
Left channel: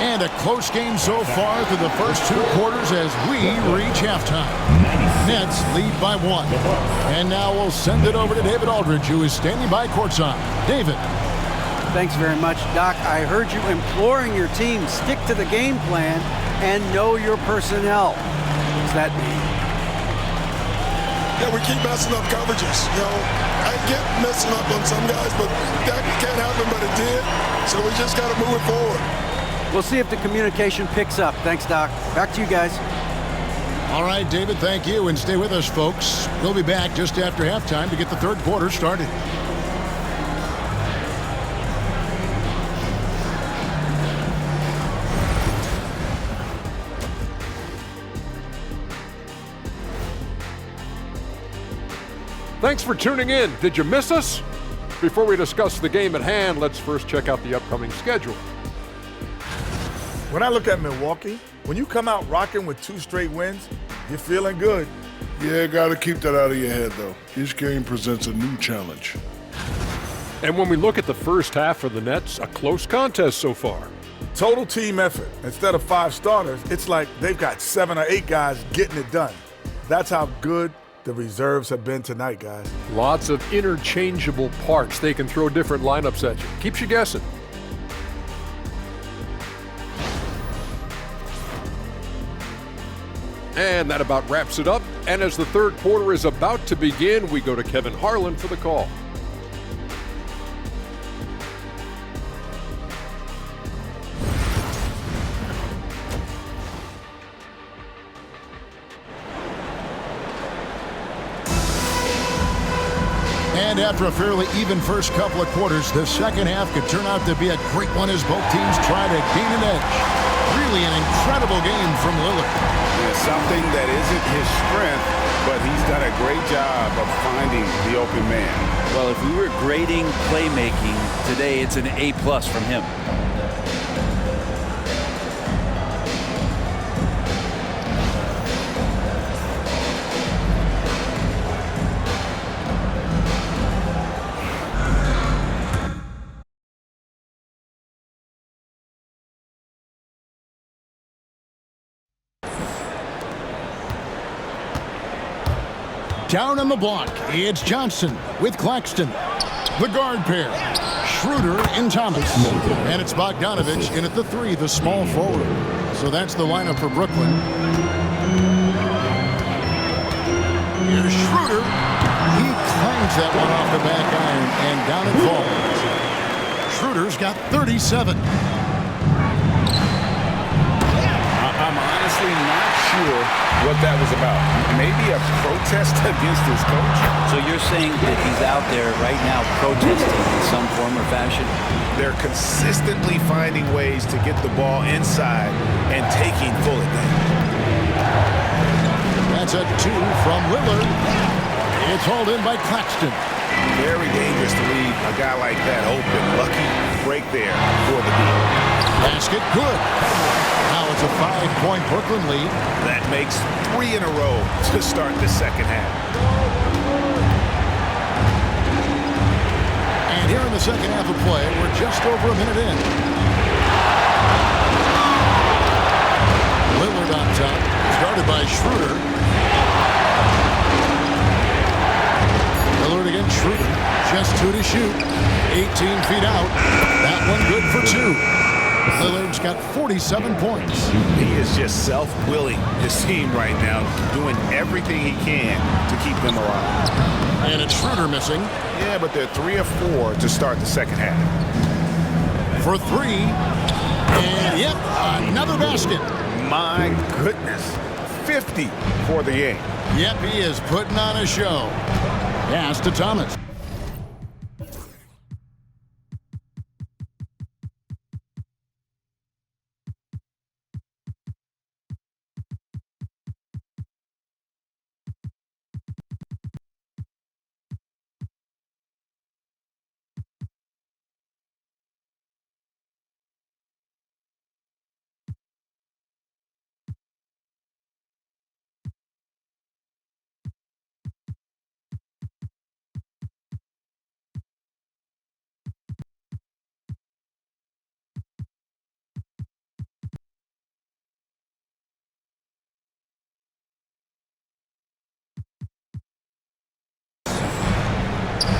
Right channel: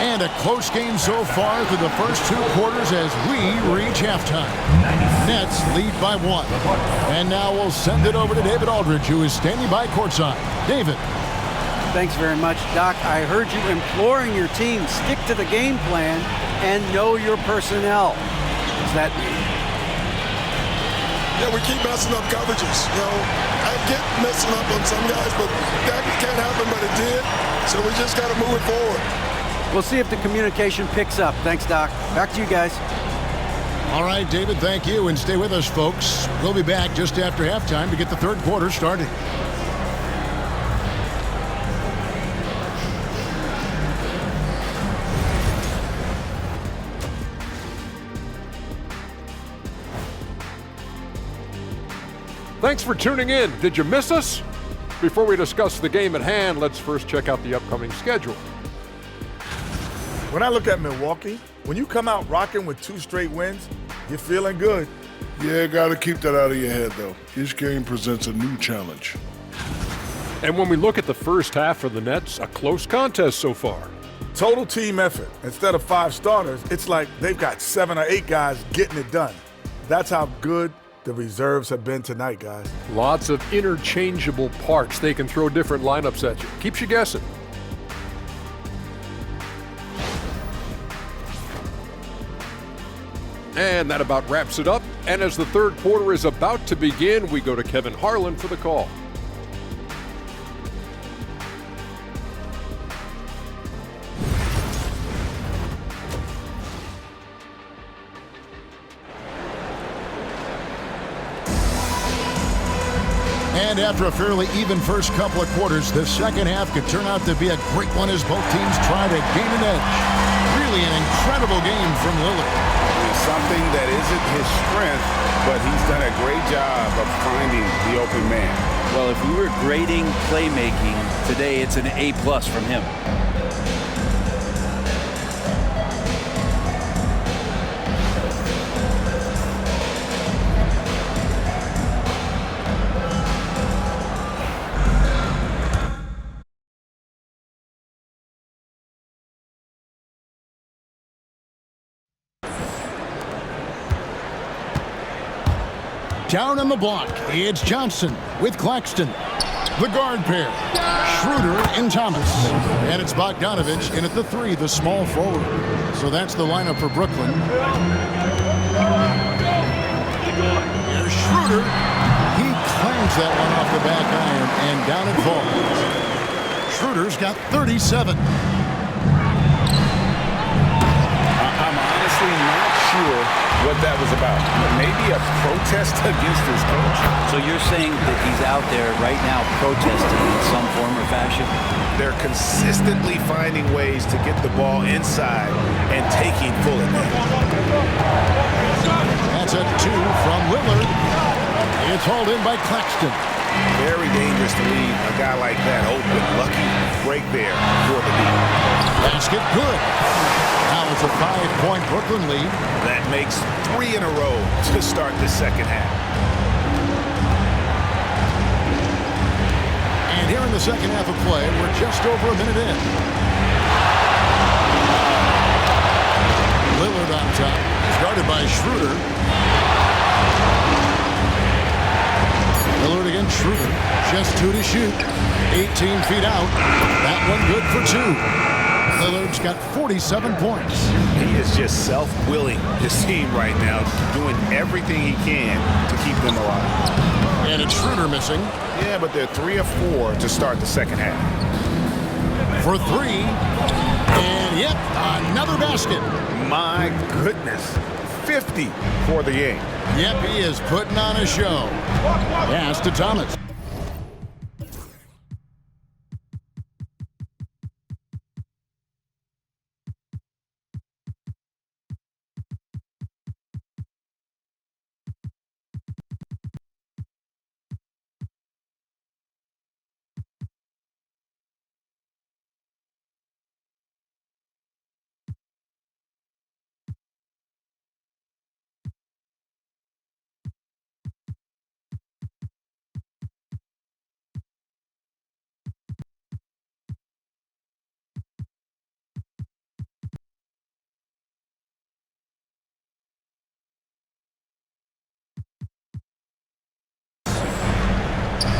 And a close game so far through the first 2 quarters as we reach halftime. Nets lead by 1. And now we'll send it over to David Aldridge, who is standing by courtside. David. Thanks very much, Doc. I heard you imploring your team, stick to the game plan and know your personnel. What does that mean? Yeah, we keep messing up coverages. You know, I get messing up on some guys, but that can't happen, but it did. So we just got to move it forward. We'll see if the communication picks up. Thanks, Doc. Back to you guys. All right, David, thank you. And stay with us, folks. We'll be back just after halftime to get the 3rd quarter started. Thanks for tuning in. Did you miss us? Before we discuss the game at hand, let's first check out the upcoming schedule. When I look at Milwaukee, when you come out rocking with 2 straight wins, you're feeling good. Yeah, got to keep that out of your head, though. Each game presents a new challenge. And when we look at the first half for the Nets, a close contest so far. Total team effort. Instead of 5 starters, it's like they've got 7 or 8 guys getting it done. That's how good the reserves have been tonight, guys. Lots of interchangeable parts. They can throw different lineups at you. Keeps you guessing. And that about wraps it up. And as the third quarter is about to begin, we go to Kevin Harlan for the call. And after a fairly even first couple of quarters, the second half could turn out to be a great one as both teams try to gain an edge. Really an incredible game from Lillard. Yeah, something that isn't his strength, but he's done a great job of finding the open man. Well, if we were grading playmaking today, it's an A+ from him. Down on the block, it's Johnson with Claxton. The guard pair, Schroeder and Thomas. And it's Bogdanovich in at the 3, the small forward. So that's the lineup for Brooklyn. Here's Schroeder. He clangs that one off the back iron, and down it falls. Schroeder's got 37. I'm honestly not sure what that was about. Maybe a protest against his coach? So you're saying that he's out there right now protesting in some form or fashion? They're consistently finding ways to get the ball inside and taking full advantage. That's a 2 from Lillard. It's hauled in by Claxton. Very dangerous to leave a guy like that open. Lucky break there for the deep. Basket good. Now it's a 5-point Brooklyn lead. That makes 3 in a row to start the second half. And here in the second half of play, we're just over a minute in. Lillard on top. He's guarded by Schroeder. Lillard against Schroeder. Just 2 to shoot. 18 feet out. That one good for 2. Lillard's got 47 points. He is just self-willing his team right now, doing everything he can to keep them alive. And it's Schroeder missing. Yeah, but they're 3 of 4 to start the second half. For 3. And yep, another basket. My goodness. 50 for the game. Yep, he is putting on a show. Pass to Thomas.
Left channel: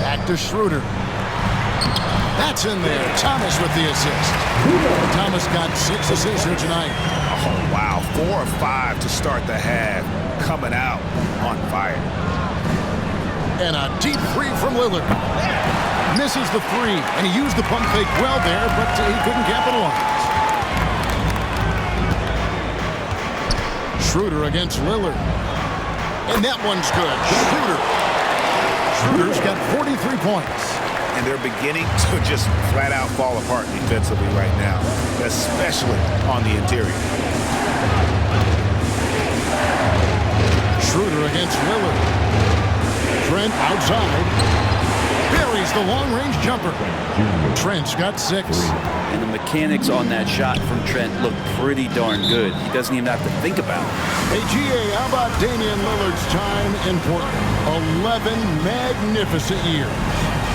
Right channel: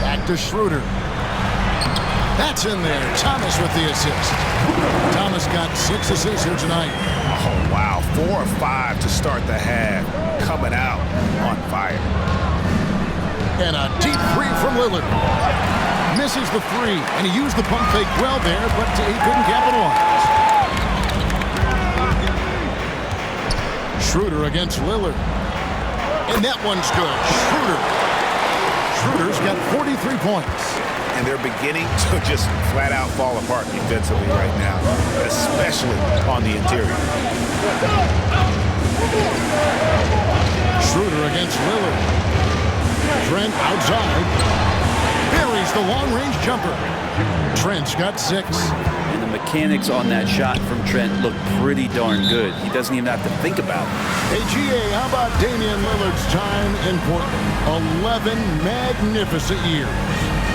Back to Schroeder. That's in there. Thomas with the assist. Thomas got 6 assists here tonight. Oh, wow. 4 of 5 to start the half. Coming out on fire. And a deep 3 from Lillard. Misses the 3, and he used the pump fake well there, but he couldn't capitalize. Schroeder against Lillard. And that one's good. Schroeder's got 43 points. And they're beginning to just flat out fall apart defensively right now, especially on the interior. Schroeder against Lillard. Trent outside. Buries the long-range jumper. Trent's got 6. And the mechanics on that shot from Trent look pretty darn good. He doesn't even have to think about it. Hey, GA, how about Damian Lillard's time in Portland? 11 magnificent years.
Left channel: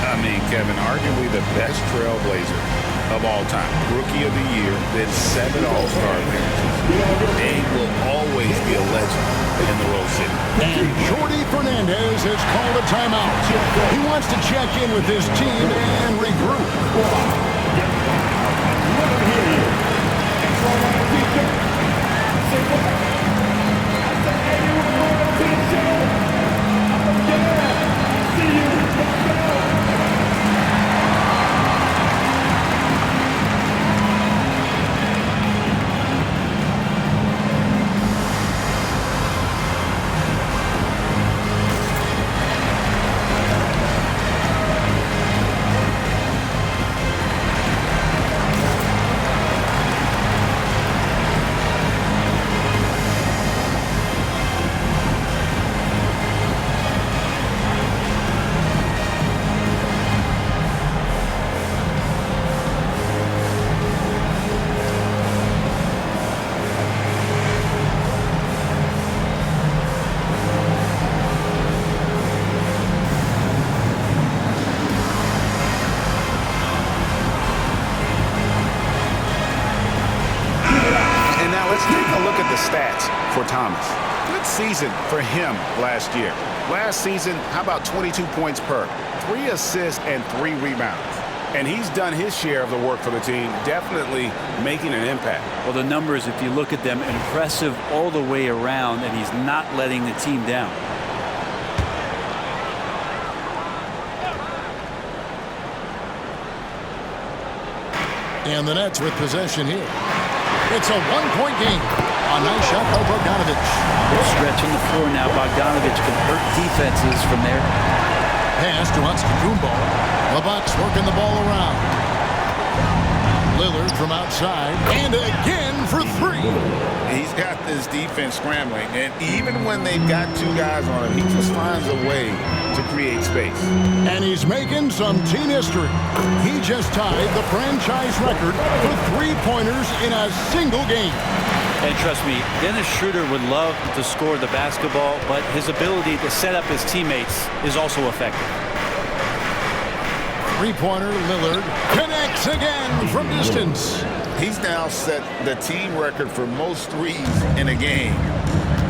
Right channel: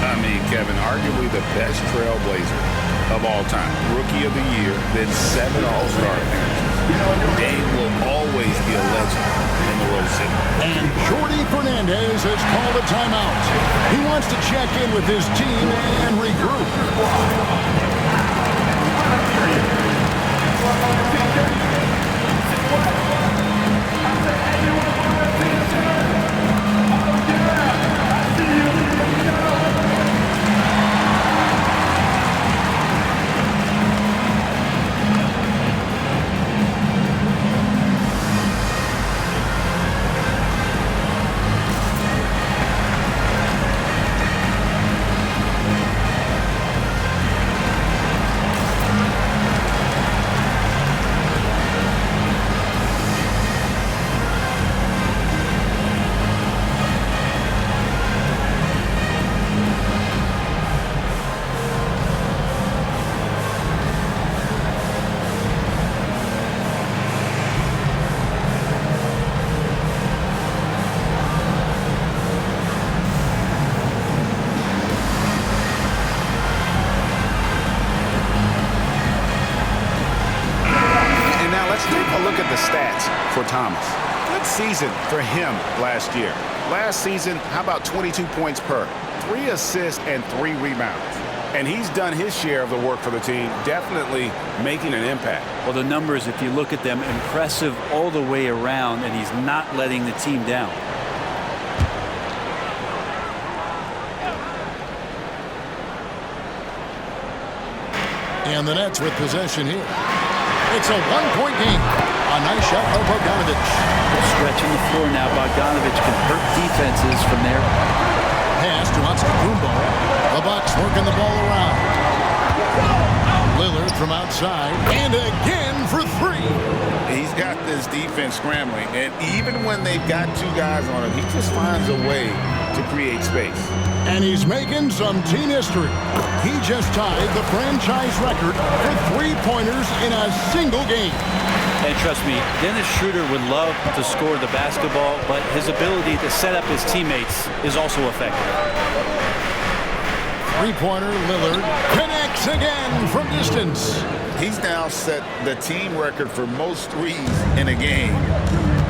I mean, Kevin, arguably the best trailblazer of all time. Rookie of the year, then 7 All-Star appearances. Dame will always be a legend in the Rose City. And Jordi Fernandez has called a timeout. He wants to check in with his team and regroup. Now let's take a look at the stats for Thomas. Good season for him last year. Last season, how about 22 points per, 3 assists and 3 rebounds. And he's done his share of the work for the team, definitely making an impact. Well, the numbers, if you look at them, impressive all the way around, and he's not letting the team down. And the Nets with possession here. It's a 1-point game. A nice shot by Bogdanovic. Stretching the floor now. Bogdanovic can hurt defenses from there. Pass to Antetokounmpo. The Bucks working the ball around. Lillard from outside. And again for 3. He's got this defense scrambling, and even when they've got 2 guys on him, he just finds a way to create space. And he's making some team history. He just tied the franchise record for 3-pointers in a single game. And trust me, Dennis Schroeder would love to score the basketball, but his ability to set up his teammates is also effective. 3-pointer Lillard connects again from distance. He's now set the team record for most threes in a game.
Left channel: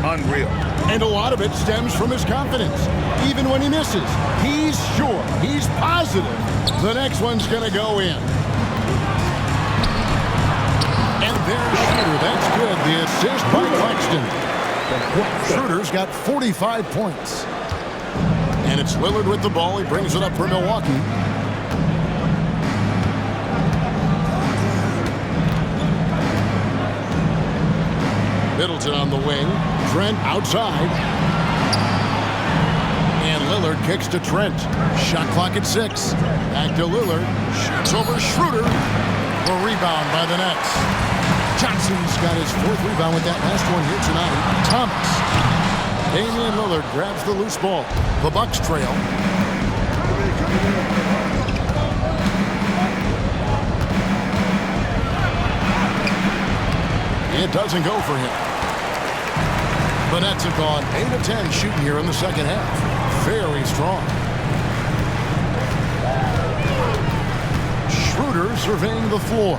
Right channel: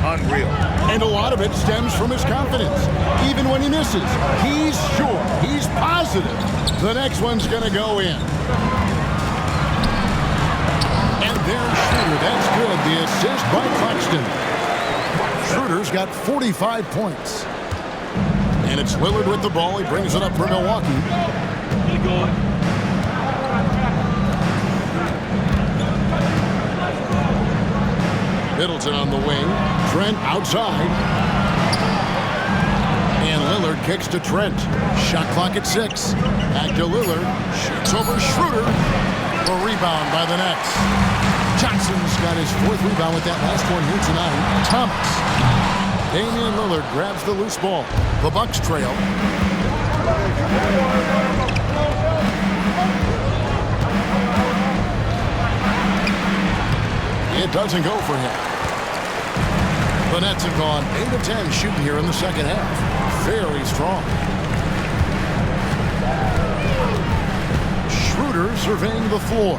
Unreal. And a lot of it stems from his confidence. Even when he misses, he's sure, he's positive the next one's going to go in. And there's Schroeder. That's good. The assist by Claxton. Schroeder's got 45 points. And it's Lillard with the ball. He brings it up for Milwaukee. Middleton on the wing. Trent outside. And Lillard kicks to Trent. Shot clock at 6. Back to Lillard. Shoots over Schroeder. The rebound by the Nets. Johnson's got his 4th rebound with that last one here tonight. Thomas. Damian Lillard grabs the loose ball. The Bucks trail. It doesn't go for him. The Nets have gone 8 of 10 shooting here in the second half. Very strong. Schroeder surveying the floor.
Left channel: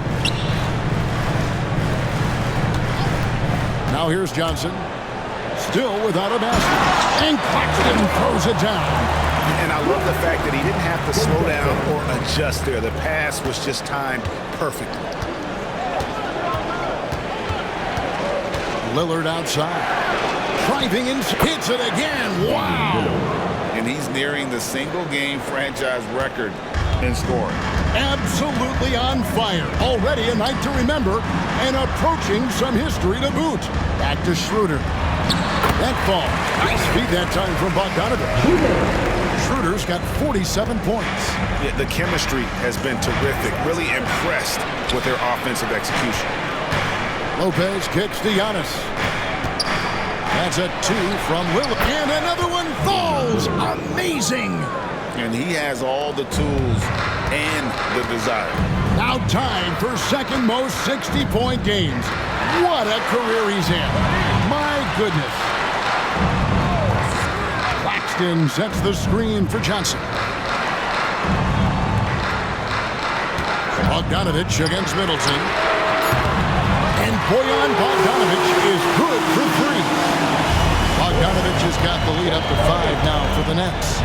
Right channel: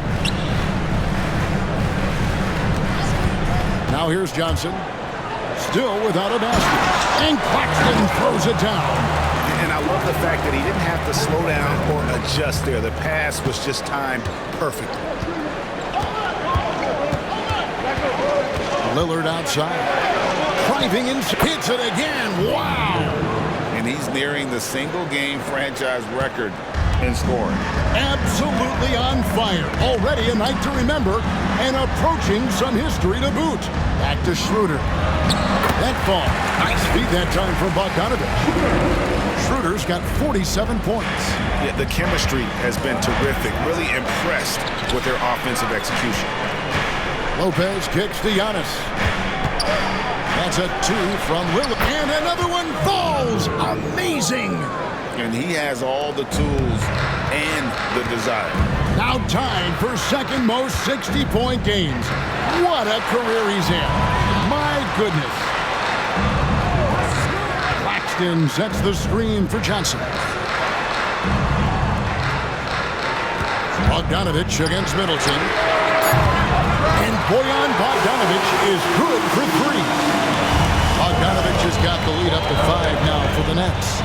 Now here's Johnson. Still without a basket. And Claxton throws it down. And I love the fact that he didn't have to slow down or adjust there. The pass was just timed perfectly. Lillard outside. Driving in, hits it again. Wow. And he's nearing the single-game franchise record in scoring. Absolutely on fire. Already a night to remember and approaching some history to boot. Back to Schroeder. That ball. Nice feed that time from Bogdanovic. Schroeder's got 47 points. Yeah, the chemistry has been terrific. Really impressed with their offensive execution. Lopez kicks to Giannis. That's a 2 from Lillard. And another one falls. Amazing. And he has all the tools and the desire. Now tied for second most 60-point games. What a career he's had. My goodness. Claxton sets the screen for Johnson. Bogdanovich against Middleton. And Bojan Bogdanovich is good for 3. Bogdanovich has got the lead up to 5 now for the Nets.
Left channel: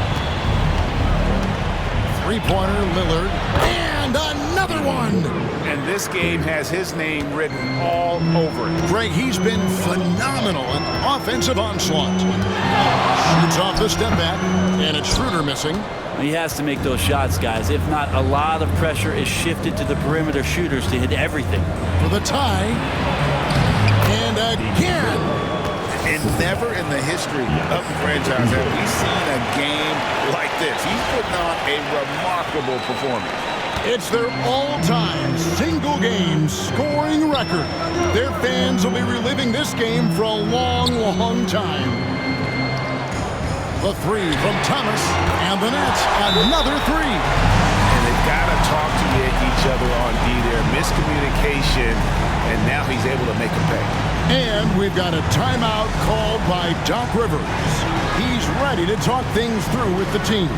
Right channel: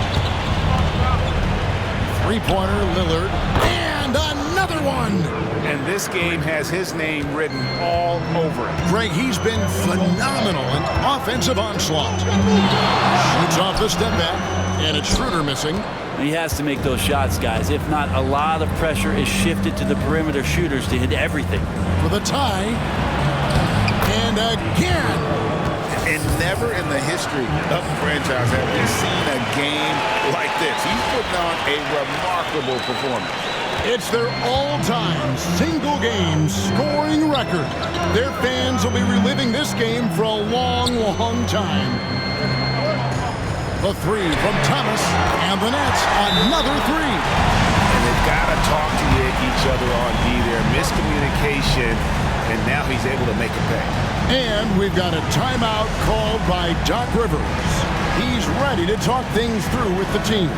Three-pointer, Lillard. And another one! And this game has his name written all over it. Greg, he's been phenomenal in offensive onslaught. Shoots off the step back, and it's Schroeder missing. He has to make those shots, guys. If not, a lot of pressure is shifted to the perimeter shooters to hit everything. For the tie. And again. And never in the history of the franchise have we seen a game like this. He's putting on a remarkable performance. It's their all-time single-game scoring record. Their fans will be reliving this game for a long, long time. The 3 from Thomas, and the Nets, another 3. And they've got to talk to each other on D there. Miscommunication, and now he's able to make a pay. And we've got a timeout called by Doc Rivers. He's ready to talk things through with the team.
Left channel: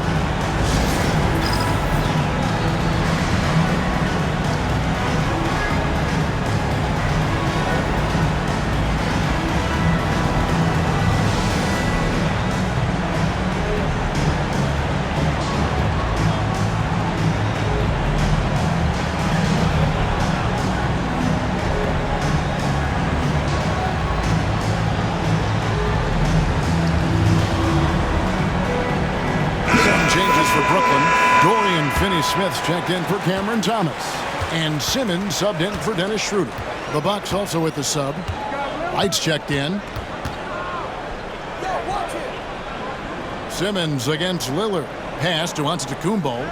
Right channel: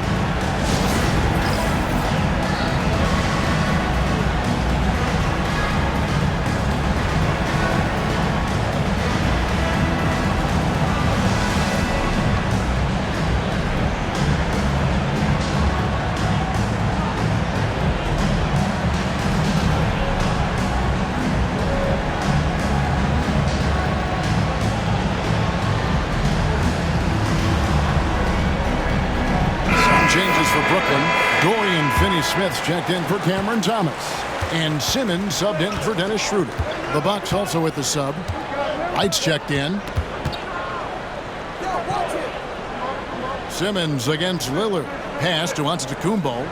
Changes for Brooklyn. Dorian Finney-Smith's checked in for Cameron Thomas. And Simmons subbed in for Dennis Schroeder. The Bucks also with the sub. Lights checked in. Simmons against Lillard. Pass to Antetokounmpo.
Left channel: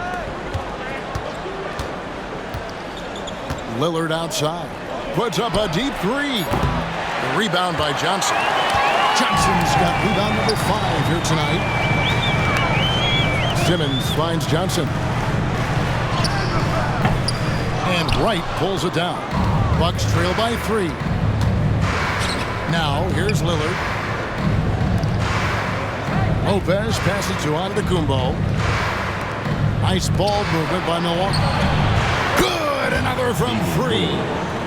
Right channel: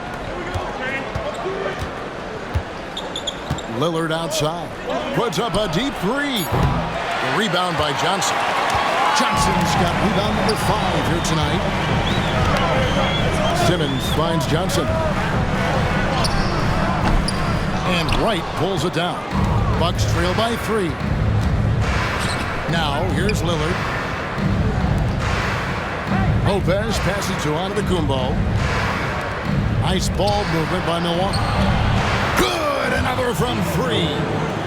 Lillard outside. Puts up a deep 3. The rebound by Johnson. Johnson's got rebound number 5 here tonight. Simmons finds Johnson. And Wright pulls it down. Bucks trail by 3. Now, here's Lillard. Lopez passes to Antetokounmpo. Nice ball movement by Milwaukee. Good! Another from 3.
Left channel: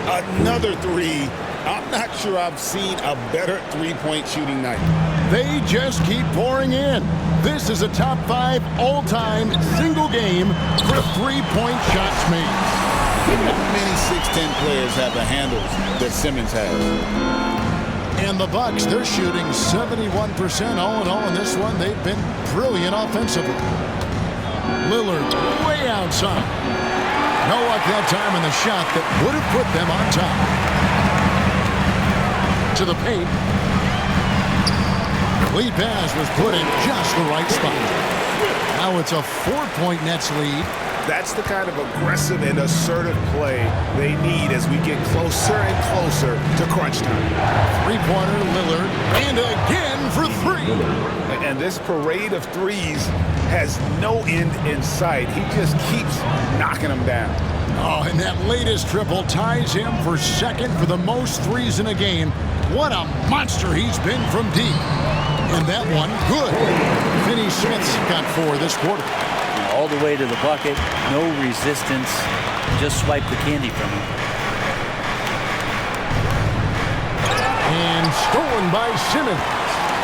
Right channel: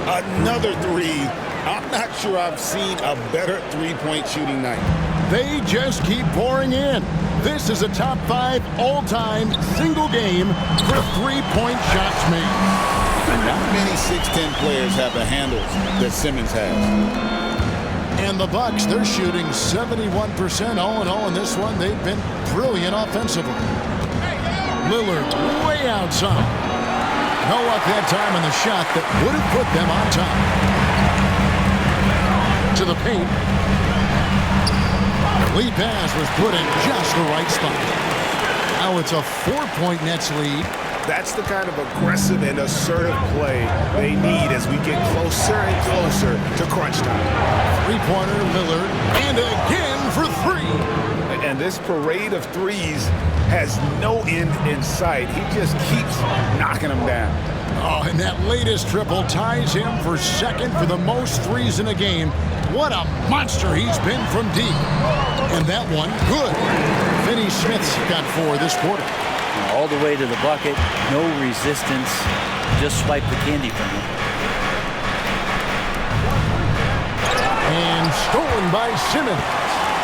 Another 3. I'm not sure I've seen a better three-point shooting night. They just keep pouring in. This is a top 5 all-time single game for 3-point shots made. Not many 6'10 players have the handles that Simmons has. And the Bucks, they're shooting 71% all in all in this one. They've been brilliant offensively. Lillard way outside. No luck that time on the shot that would have put them on top. To the paint. Lead pass was put in just the right spot. Now it's a 4-point Nets lead. That's the kind of aggressive and assertive play they need as we get closer and closer to crunch time. 3-pointer Lillard, and again for 3. And this parade of threes has no end in sight. He just keeps knocking them down. Oh, and that latest triple ties him for second for the most threes in a game. What a monster he's been from deep. And that one, good. Finney-Smith's got 4 this quarter. All the way to the bucket, no resistance, just swipe the candy from him. And stolen by Simmons.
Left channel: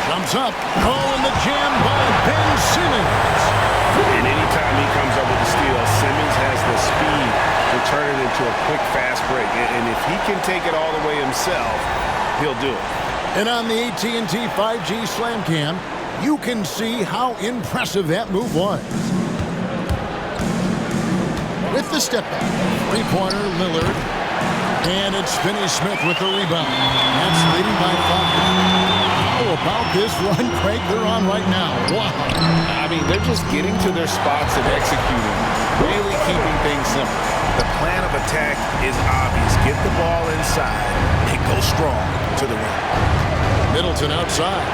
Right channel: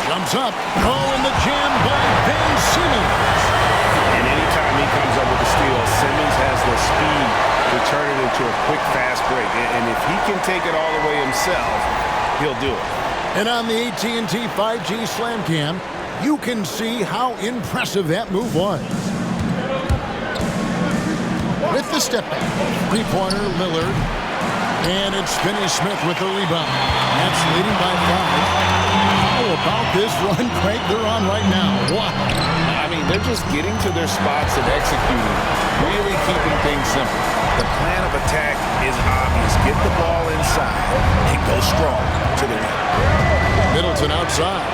Jumps up. Oh, and the jam by Ben Simmons. And anytime he comes up with the steal, Simmons has the speed to turn it into a quick, fast break. And if he can take it all the way himself, he'll do it. And on the AT&T 5G Slam Cam, you can see how impressive that move was. With the step back, 3-pointer Lillard, and it's Finney-Smith with the rebound. Nets leading by 5. How about this run, Craig, they're on right now? Wow. I mean, they're just getting to their spots and executing, really keeping things simple. The plan of attack is obvious. Get the ball inside and go strong to the rim. Middleton outside.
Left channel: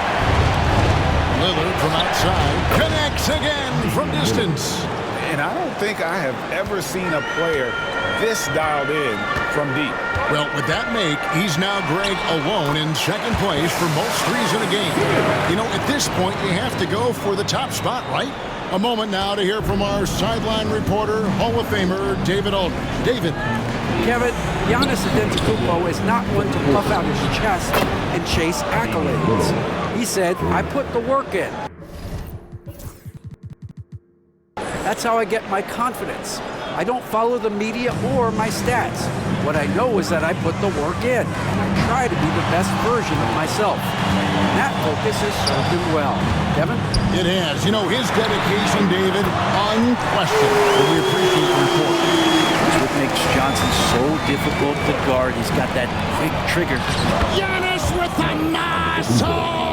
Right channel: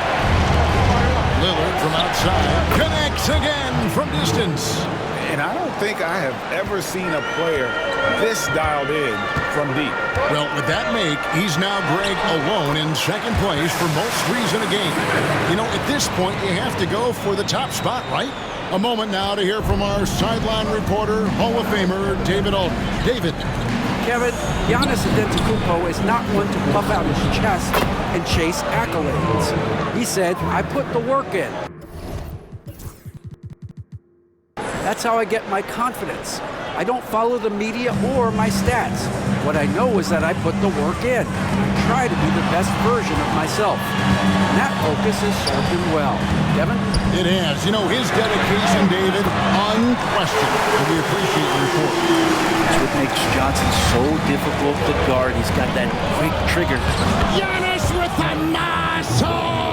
Lillard from outside. Connects again from distance. And I don't think I have ever seen a player this dialed in from deep. Well, with that make, he's now, Greg, alone in second place for most threes in a game. You know, at this point, you have to go for the top spot, right? A moment now to hear from our sideline reporter, Hall of Famer David Aldridge. David. Kevin, Giannis Antetokounmpo is not one to puff out his chest and chase accolades. He said, I put the work in. That's how I get my confidence. I don't follow the media or my stats. What I know is that I put the work in, and I try to be the best version of myself. And that focus has served him well. Kevin? It has. You know, his dedication, David, unquestioned. And we appreciate the report. That's what makes Johnson so difficult to guard. He's got that quick trigger. Giannis with the muscle!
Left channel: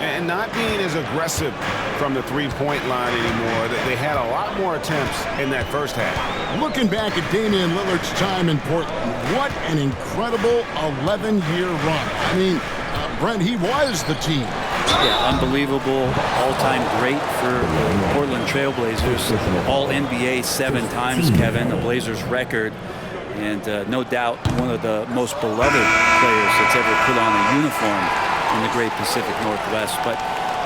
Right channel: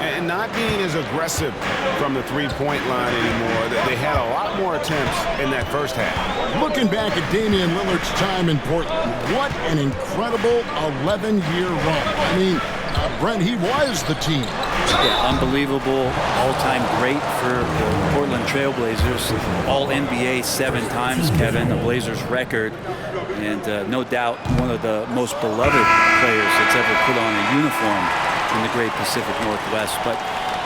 And not being as aggressive from the three-point line anymore. They had a lot more attempts in that first half. Looking back at Damian Lillard's time in Portland, what an incredible 11-year run. I mean, Brent, he was the team. Yeah, unbelievable, all-time great for the Portland Trailblazers. All-NBA 7 times, Kevin, a Blazers record. And no doubt one of the most beloved players that's ever put on a uniform in the great Pacific Northwest. But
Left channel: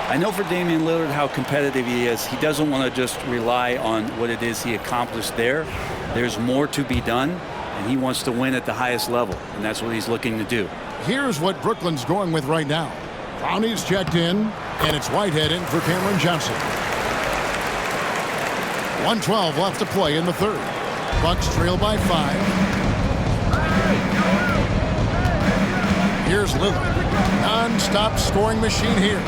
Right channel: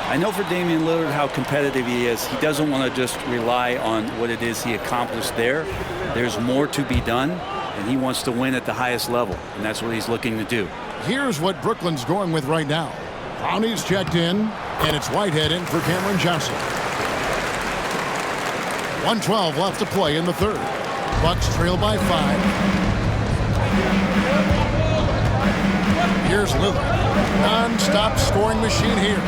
I know for Damian Lillard how competitive he is. He doesn't want to just rely on what it is he accomplished there. There's more to be done, and he wants to win at the highest level, and that's what he's looking to do. Here's what Brooklyn's going with right now. Brownie's checked in, and it's Whitehead in for Cameron Johnson. 1:12 left to play in the third. Bucks trail by 5. Here's Lillard. Non-stop scoring machine here.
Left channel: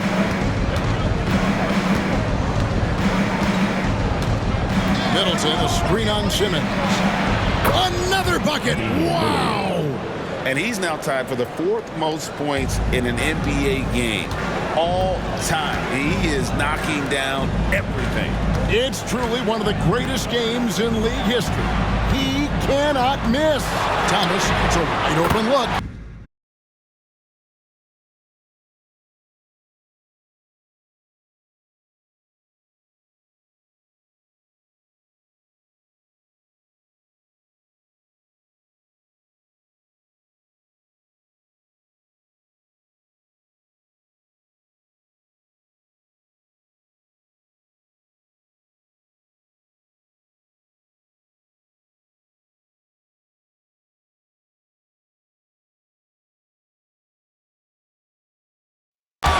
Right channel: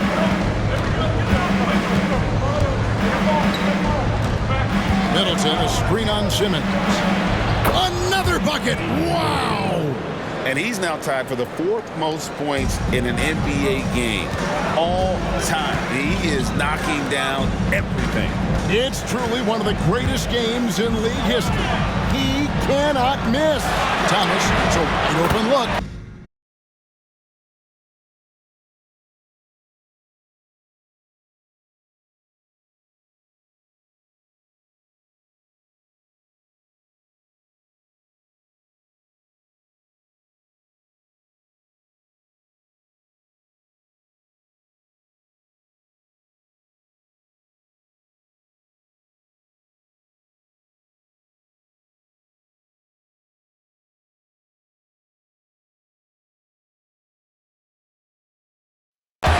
Middleton, a screen on Simmons. Another bucket! Wow! And he's now tied for the 4th most points in an NBA game all time. He is knocking down everything. It's truly one of the greatest games in league history. He cannot miss. Thomas, it's a wide open look.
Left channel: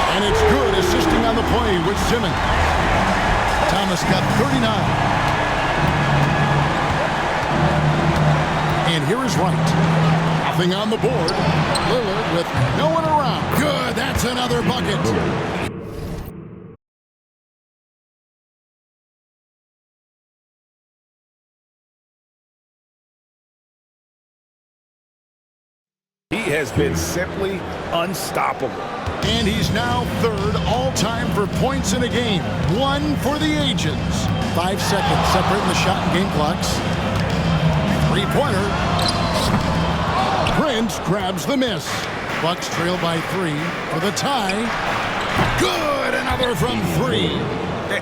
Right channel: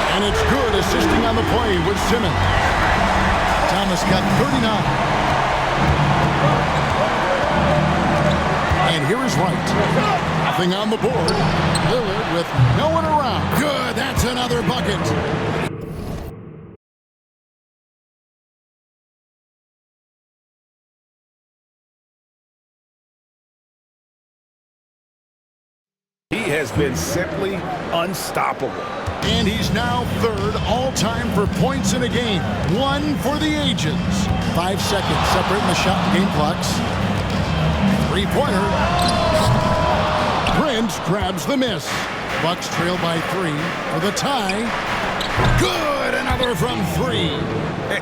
And it's good, assisting on the play with Simmons. Thomas got 39. And here is Wright. Nothing on the board. Lillard with no one around. Good, that's another bucket. He has been simply unstoppable. And he's now third all-time for points in a game. 1 for the ages. 5 seconds separating the shot and game clocks. Three-pointer. Prince grabs the miss. Bucks trail by 3 for the tie. Good, another from 3.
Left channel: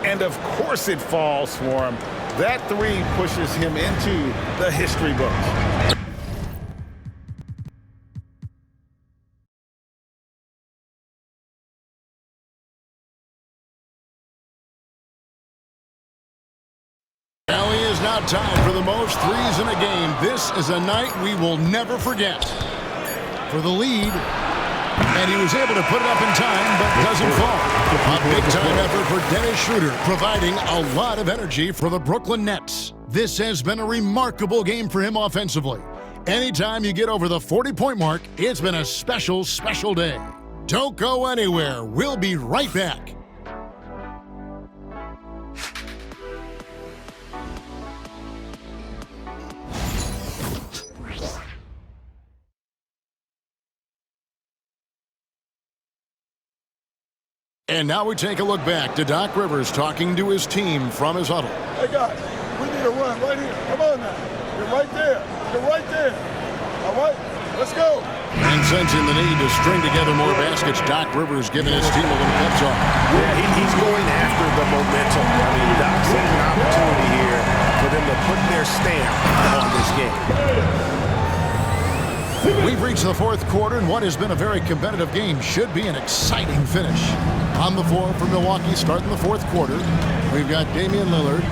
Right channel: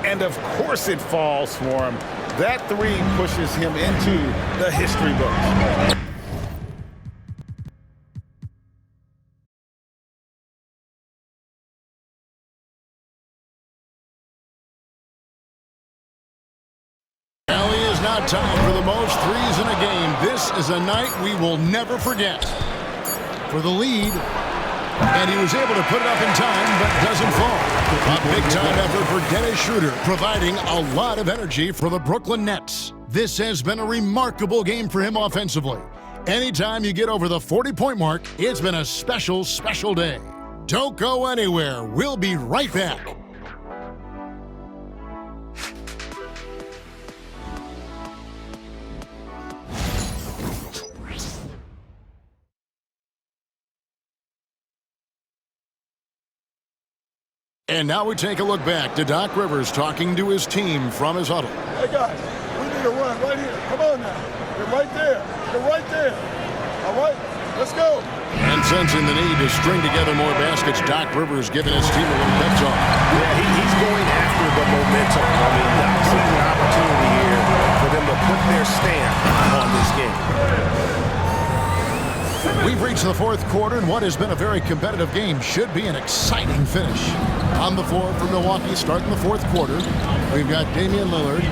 And of course it falls for him. That 3 pushes him into the history books. Now tied for the most threes in a game. This is a night we will never forget. For the lead, and he was able to put it up in time, but doesn't fall. A big-time effort for Dennis Schroeder, providing a lot of energy for the Brooklyn Nets. This has been a remarkable game for him offensively. Anytime you get over the 40-point mark, it's been a special, special day. Don't go anywhere. We'll be right back. And now we take a look back to Doc Rivers talking to his team from his huddle. Hey, guys, we need a run right here. Come on now. You're right there. You're right there. All right, let's go. And sensing the need to string together more baskets, Doc Rivers giving his team a little pep talk. Yeah, he's going after the momentum. I mean, Doc sees an opportunity here for them to put their stamp on this game. We've reached the fourth quarter, and what has been a very competitive game should be an exciting finish. On the floor for Milwaukee, starting the fourth quarter, we've got Damian Lillard.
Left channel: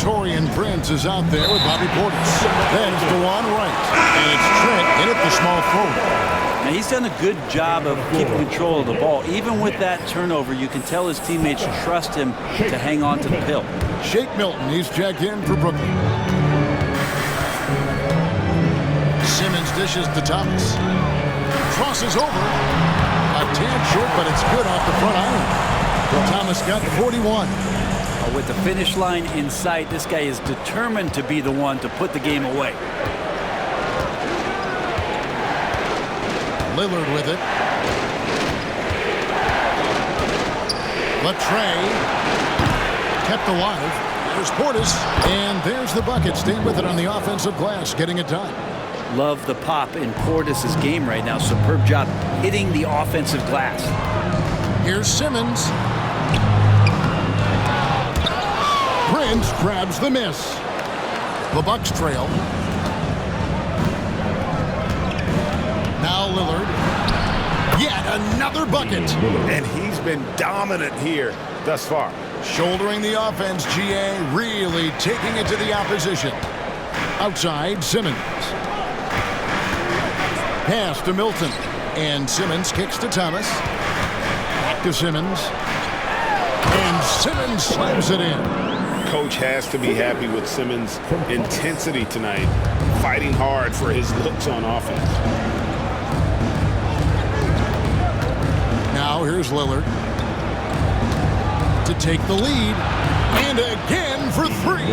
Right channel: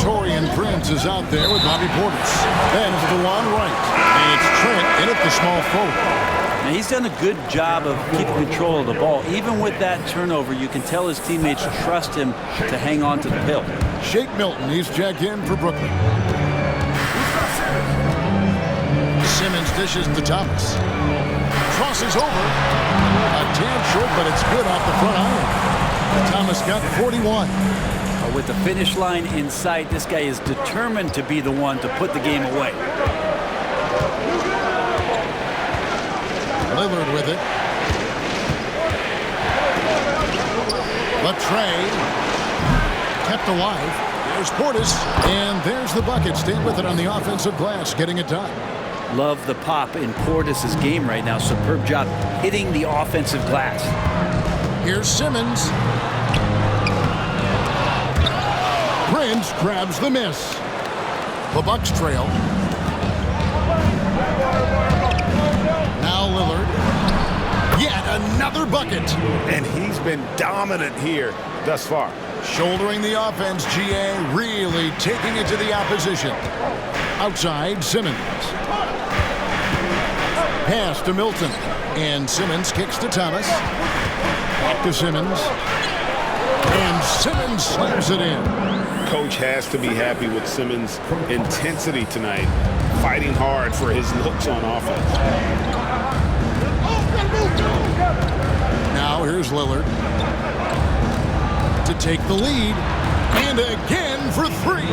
Taurean Prince is out there with Bobby Portis. Then it's DeLon Wright, and it's Trent in at the small forward. Now, he's done a good job of keeping control of the ball. Even with that turnover, you can tell his teammates trust him to hang on to the pill. Shake Milton, he's checked in for Brooklyn. Simmons dishes to Thomas. Crosses over. A tad short, but it's good off the front iron. Thomas got 41. With the finish line in sight, this guy is determined to be the one to put the game away. Lillard with it. Latrey kept alive. There's Portis, and there's the bucket. Staying with it on the offensive glass, getting it done. Love the pop in Portis' game right now. Superb job hitting the offensive glass. Here's Simmons. Prince grabs the miss. The Bucks trail. Now Lillard. Yet another bucket. And he's been dominant here thus far. Shouldering the offense, GA really taking it to the opposition. Outside, Simmons. Pass to Milton. And Simmons kicks to Thomas. Back to Simmons. And Simmons slams it in. Coach has to be happy with Simmons' intensity tonight, fighting hard for his looks on offense. Now here's Lillard to take the lead, and again for three.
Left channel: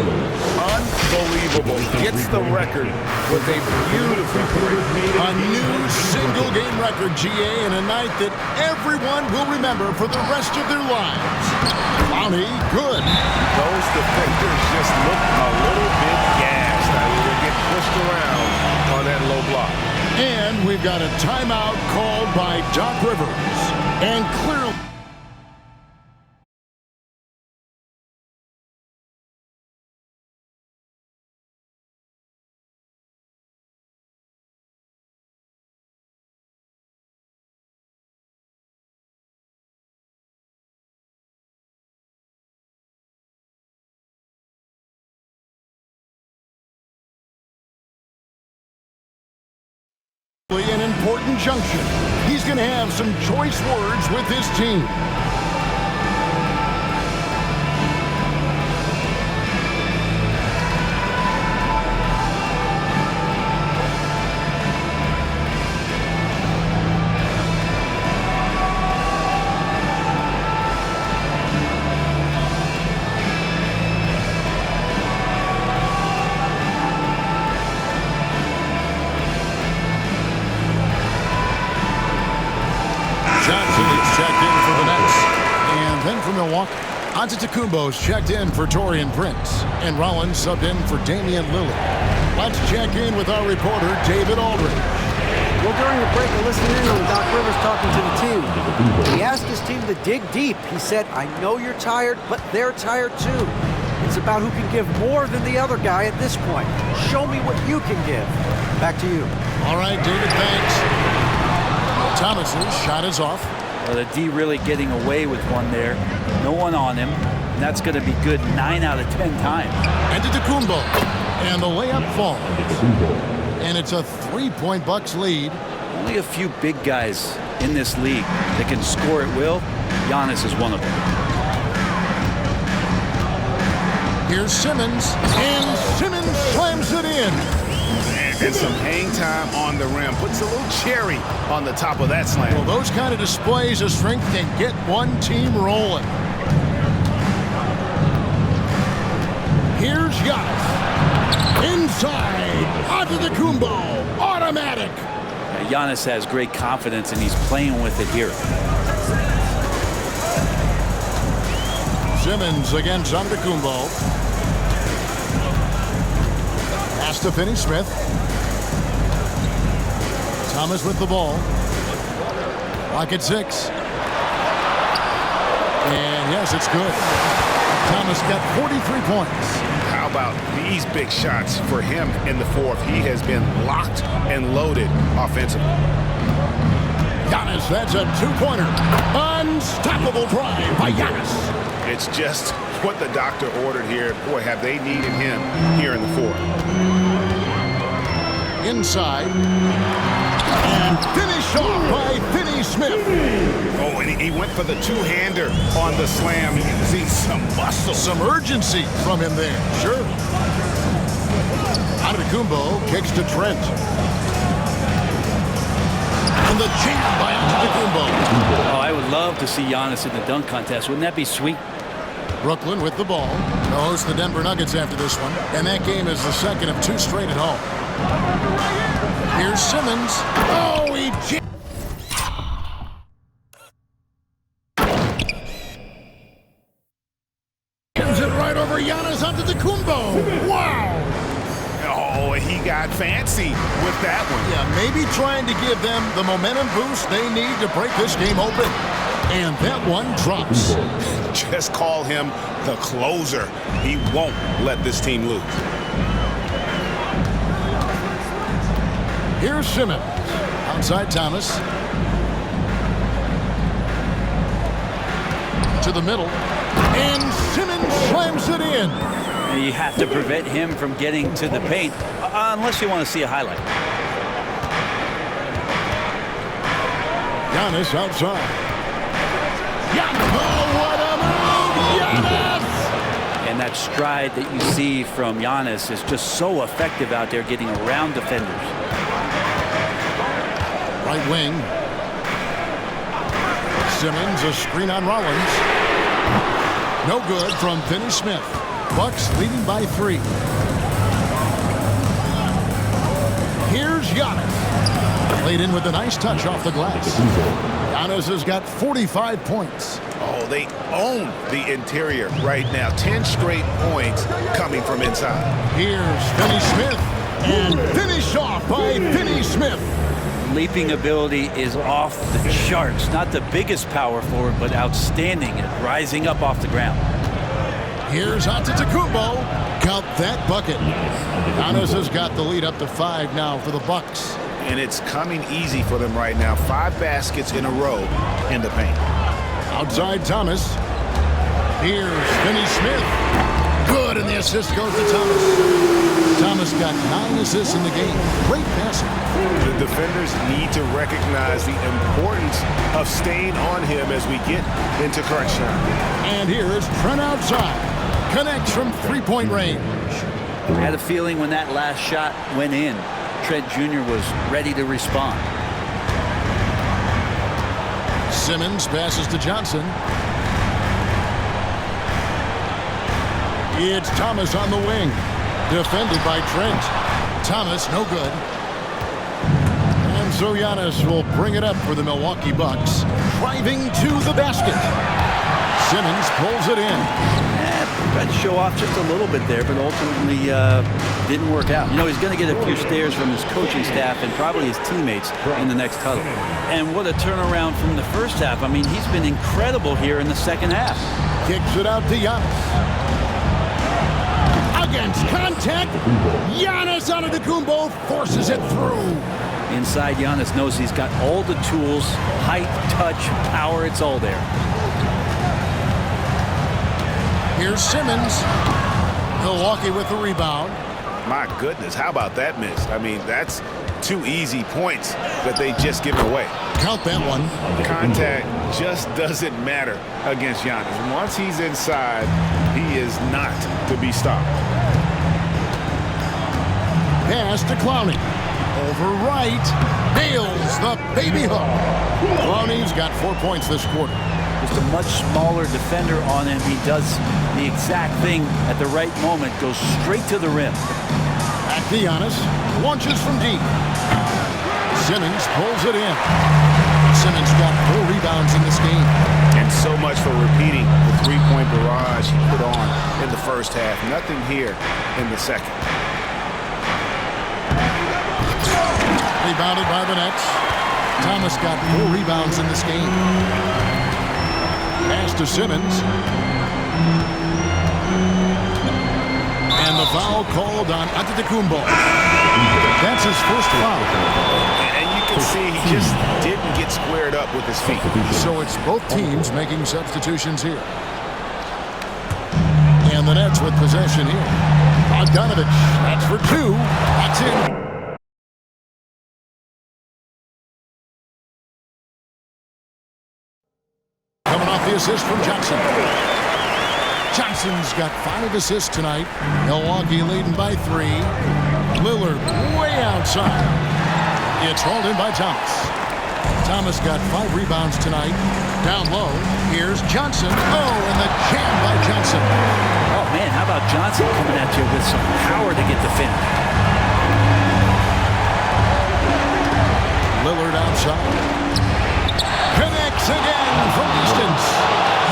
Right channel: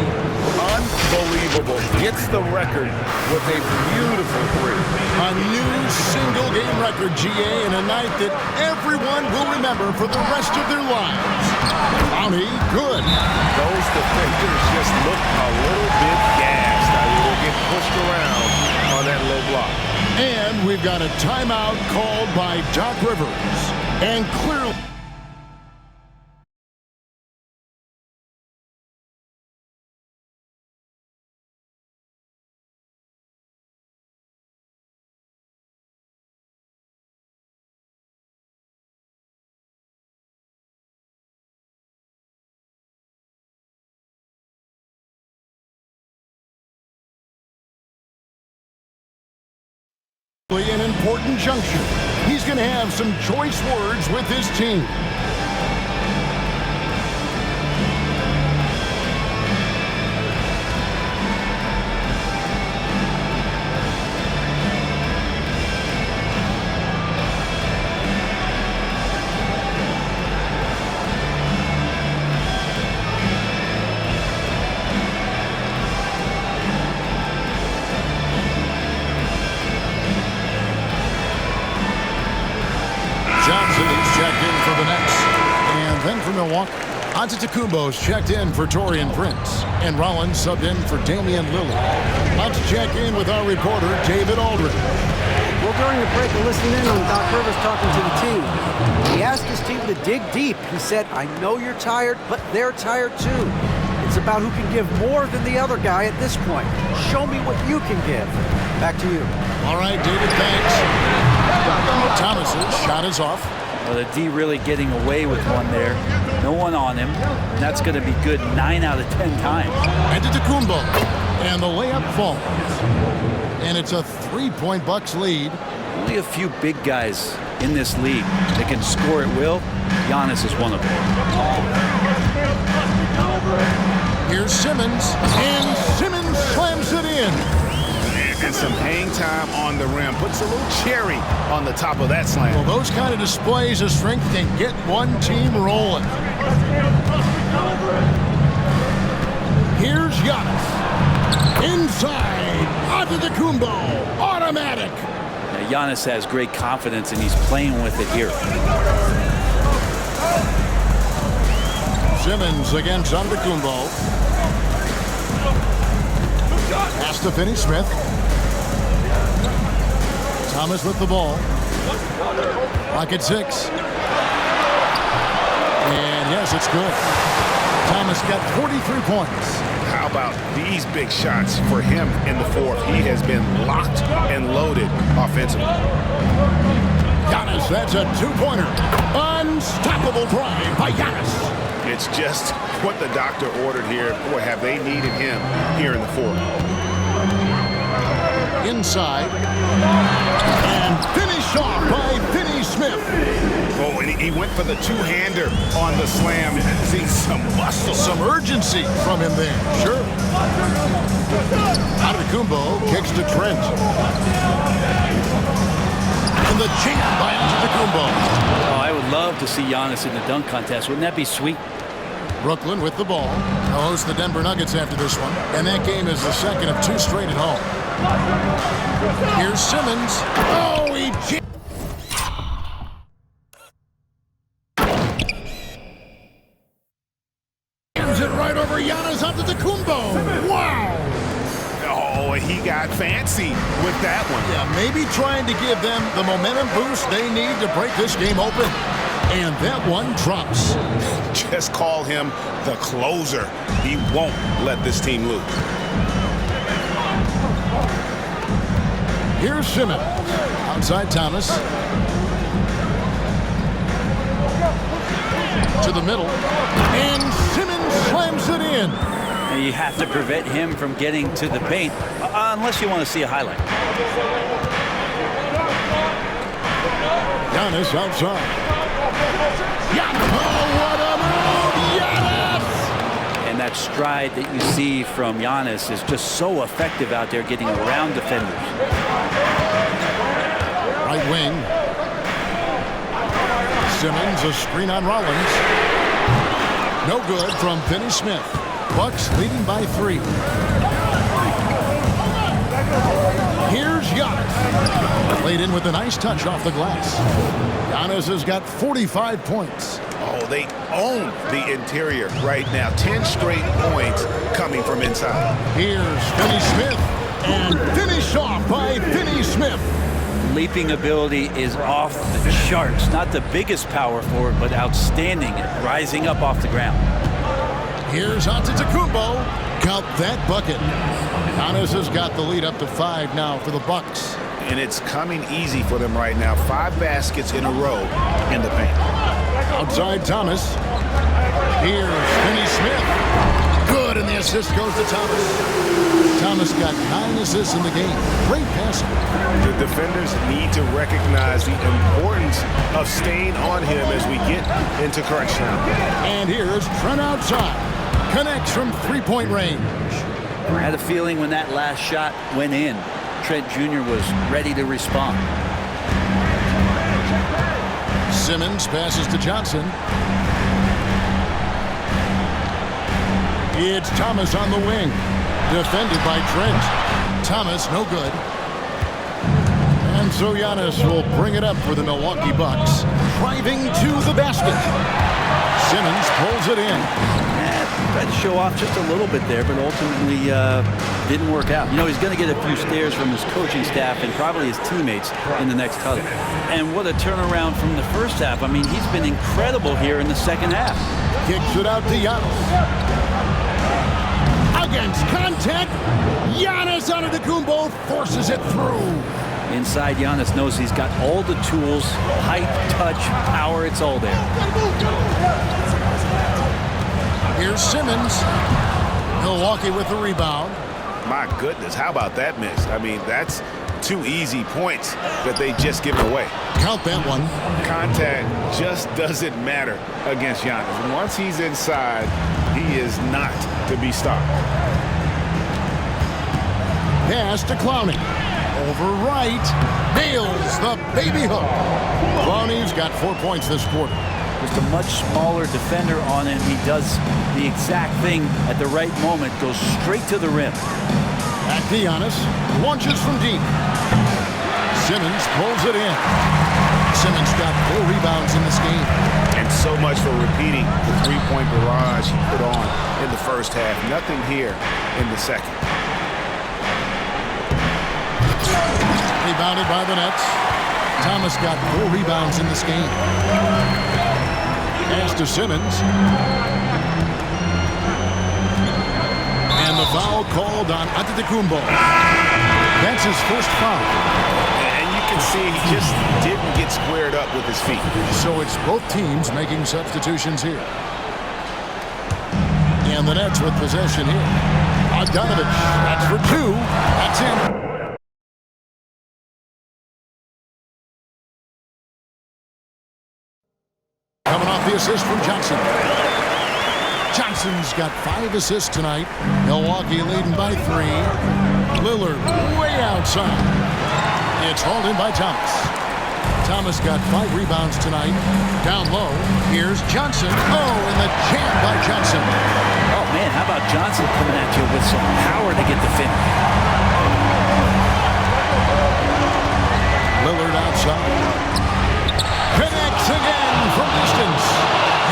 Unbelievable. Gets the record with a beautiful three. A new single-game record, GA, in a night that everyone will remember for the rest of their lives. Clowney, good. Those defenders just look a little bit gassed. I mean, they get pushed around on that low block. And we've got a timeout called by Doc Rivers. And clearly... an important junction. He's going to have some choice words with his team. Johnson, he's checked in for the Nets. And then for Milwaukee, Antetokounmpo's checked in for Taurean Prince. And Rollins subbed in for Damian Lillard. Let's check in with our reporter, David Aldridge. Well, during the break, I listened in on Doc Rivers talking to the team. He asked his team to dig deep. He said, I know you're tired, but they're tired too. It's about who can give more than the other guy at this point. Show me what you can give. Back to you. All right, David, thanks. Thomas's shot is off. Well, the D really getting away with one there. No one on him, and that's going to be good 9 out of 10 times. Antetokounmpo, and the layup falls. And it's a 3-point Bucks lead. Only a few big guys in this league that can score at will. Giannis is one of them. Here's Simmons, and Simmons slams it in. And some hang time on the rim. Puts a little cherry on the top of that slam. Well, those kind of displays of strength can get one team rolling. Here's Giannis. Inside. Antetokounmpo. Automatic. Now, Giannis has great confidence, and he's playing with it here. Simmons against Antetokounmpo. Pass to Finney-Smith. Thomas with the ball. Clock at 6. And yes, it's good. Thomas got 43 points. How about these big shots for him in the fourth? He has been locked and loaded offensively. Giannis, that's a two-pointer. Unstoppable drive by Giannis. It's just what the doctor ordered here. Boy, have they needed him here in the fourth. Inside. And finish off by Finney-Smith. Oh, and he went for the two-hander on the slam. You can see some muscle. Some urgency from him there. Sure. Antetokounmpo kicks to Trent. And the jam by Antetokounmpo. Oh, I would love to see Giannis in the dunk contest. Wouldn't that be sweet? Brooklyn with the ball. They'll host the Denver Nuggets after this one. And that game is the second of 2 straight at home. Here's Simmons. Oh, he jams it right over Giannis Antetokounmpo. Wow. Oh, he got fancy with that one. Yeah, maybe trying to give them the momentum boost they need to break this game open. And that one drops. Just call him the closer. He won't let this team lose. Here's Simmons. Outside Thomas. To the middle. And Simmons slams it in. And you have to prevent him from getting to the paint, unless you want to see a highlight. Giannis outside. Giannis! Oh, what a move! Giannis! And that stride that you see from Giannis is just so effective out there getting around defenders. Right wing. Simmons, a screen on Rollins. No good from Finney-Smith. Bucks leading by 3. Here's Giannis. Played in with a nice touch off the glass. Giannis has got 45 points. Oh, they own the interior right now. 10 straight points coming from inside. Here's Finney-Smith. And finish off by Finney-Smith. Leaping ability is off the charts. Not the biggest power forward, but outstanding at rising up off the ground. Here's Antetokounmpo. Count that bucket. Giannis has got the lead up to 5 now for the Bucks. And it's coming easy for them right now. 5 baskets in a row in the paint. Outside Thomas. Here's Finney-Smith. Good, and the assist goes to Thomas. Thomas got 9 assists in the game. Great passing. The defenders need to recognize the importance of staying on him as we get into crunch time. And here's Trent outside. Connects from 3-point range. I had a feeling when that last shot went in, Trent Jr. was ready to respond. Simmons passes to Johnson. It's Thomas on the wing. Defended by Trent. Thomas, no good. And so Giannis will bring it up for the Milwaukee Bucks. Driving to the basket. Simmons pulls it in. Tried to show off just a little bit there, but ultimately didn't work out. You know, he's going to get a few stares from his coaching staff and probably his teammates in the next huddle. And what a turnaround from the first half. I mean, he's been incredible here in the second half. Kicks it out to Giannis. Against contact, Giannis Antetokounmpo forces it through. Inside, Giannis knows he's got all the tools, height, touch, power, it's all there. Here's Simmons. Milwaukee with the rebound. My goodness, how about that miss? I mean, that's 2 easy points that they just given away. Count that one. Contact just doesn't matter against Giannis. Once he's inside, he is not to be stopped. Pass to Clowney. Over right. Nails the baby hook. Clowney's got 4 points this quarter. Just a much smaller defender on him. He does the exact thing at the right moment. Goes straight to the rim. Back to Giannis. Launches from deep. Simmons pulls it in. Simmons got 4 rebounds in this game. And so much for repeating the 3-point barrage he put on in the first half. Nothing here in the second. Rebounded by the Nets. Thomas got 4 rebounds in this game. Pass to Simmons. And the foul called on Antetokounmpo. That's his first foul. And you can see he just didn't get squared up with his feet. So it's both teams making substitutions here. And the Nets with possession here. Bogdanovich, that's for 2. That's in. Coming off the assist from Johnson. Johnson's got 5 assists tonight. Milwaukee leading by 3. Lillard way outside. It's hauled in by Thomas. Thomas got 5 rebounds tonight. Down low, here's Johnson. Oh, and the jam by Johnson. Oh, man, how about Johnson coming at you with some power to get the finish? Lillard outside. Connects again from distance.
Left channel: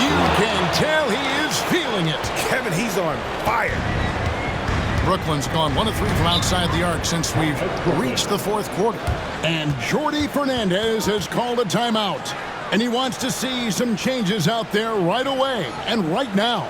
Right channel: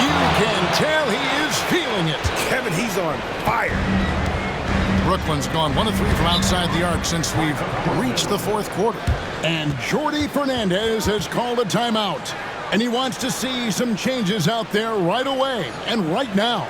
You can tell he is feeling it. Kevin, he's on fire. Brooklyn's gone 1 of 3 from outside the arc since we've reached the 4th quarter. And Jordi Fernandez has called a timeout. And he wants to see some changes out there right away and right now.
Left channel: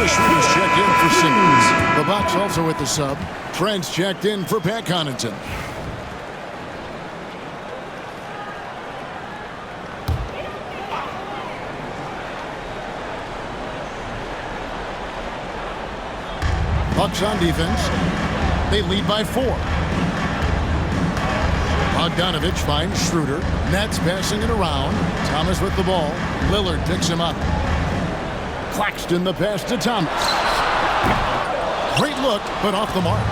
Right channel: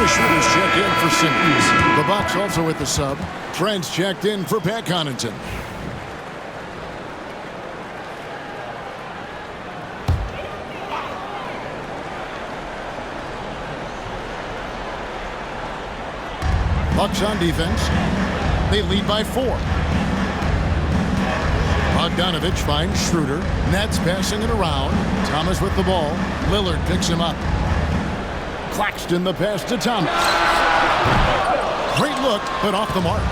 Dennis Schroeder's checked in for Simmons. The Bucks also with the sub. Trent's checked in for Pat Connaughton. Bucks on defense. They lead by 4. Bogdanovich finds Schroeder. Nets passing it around. Thomas with the ball. Lillard picks him up. Claxton the pass to Thomas. Great look, but off the mark.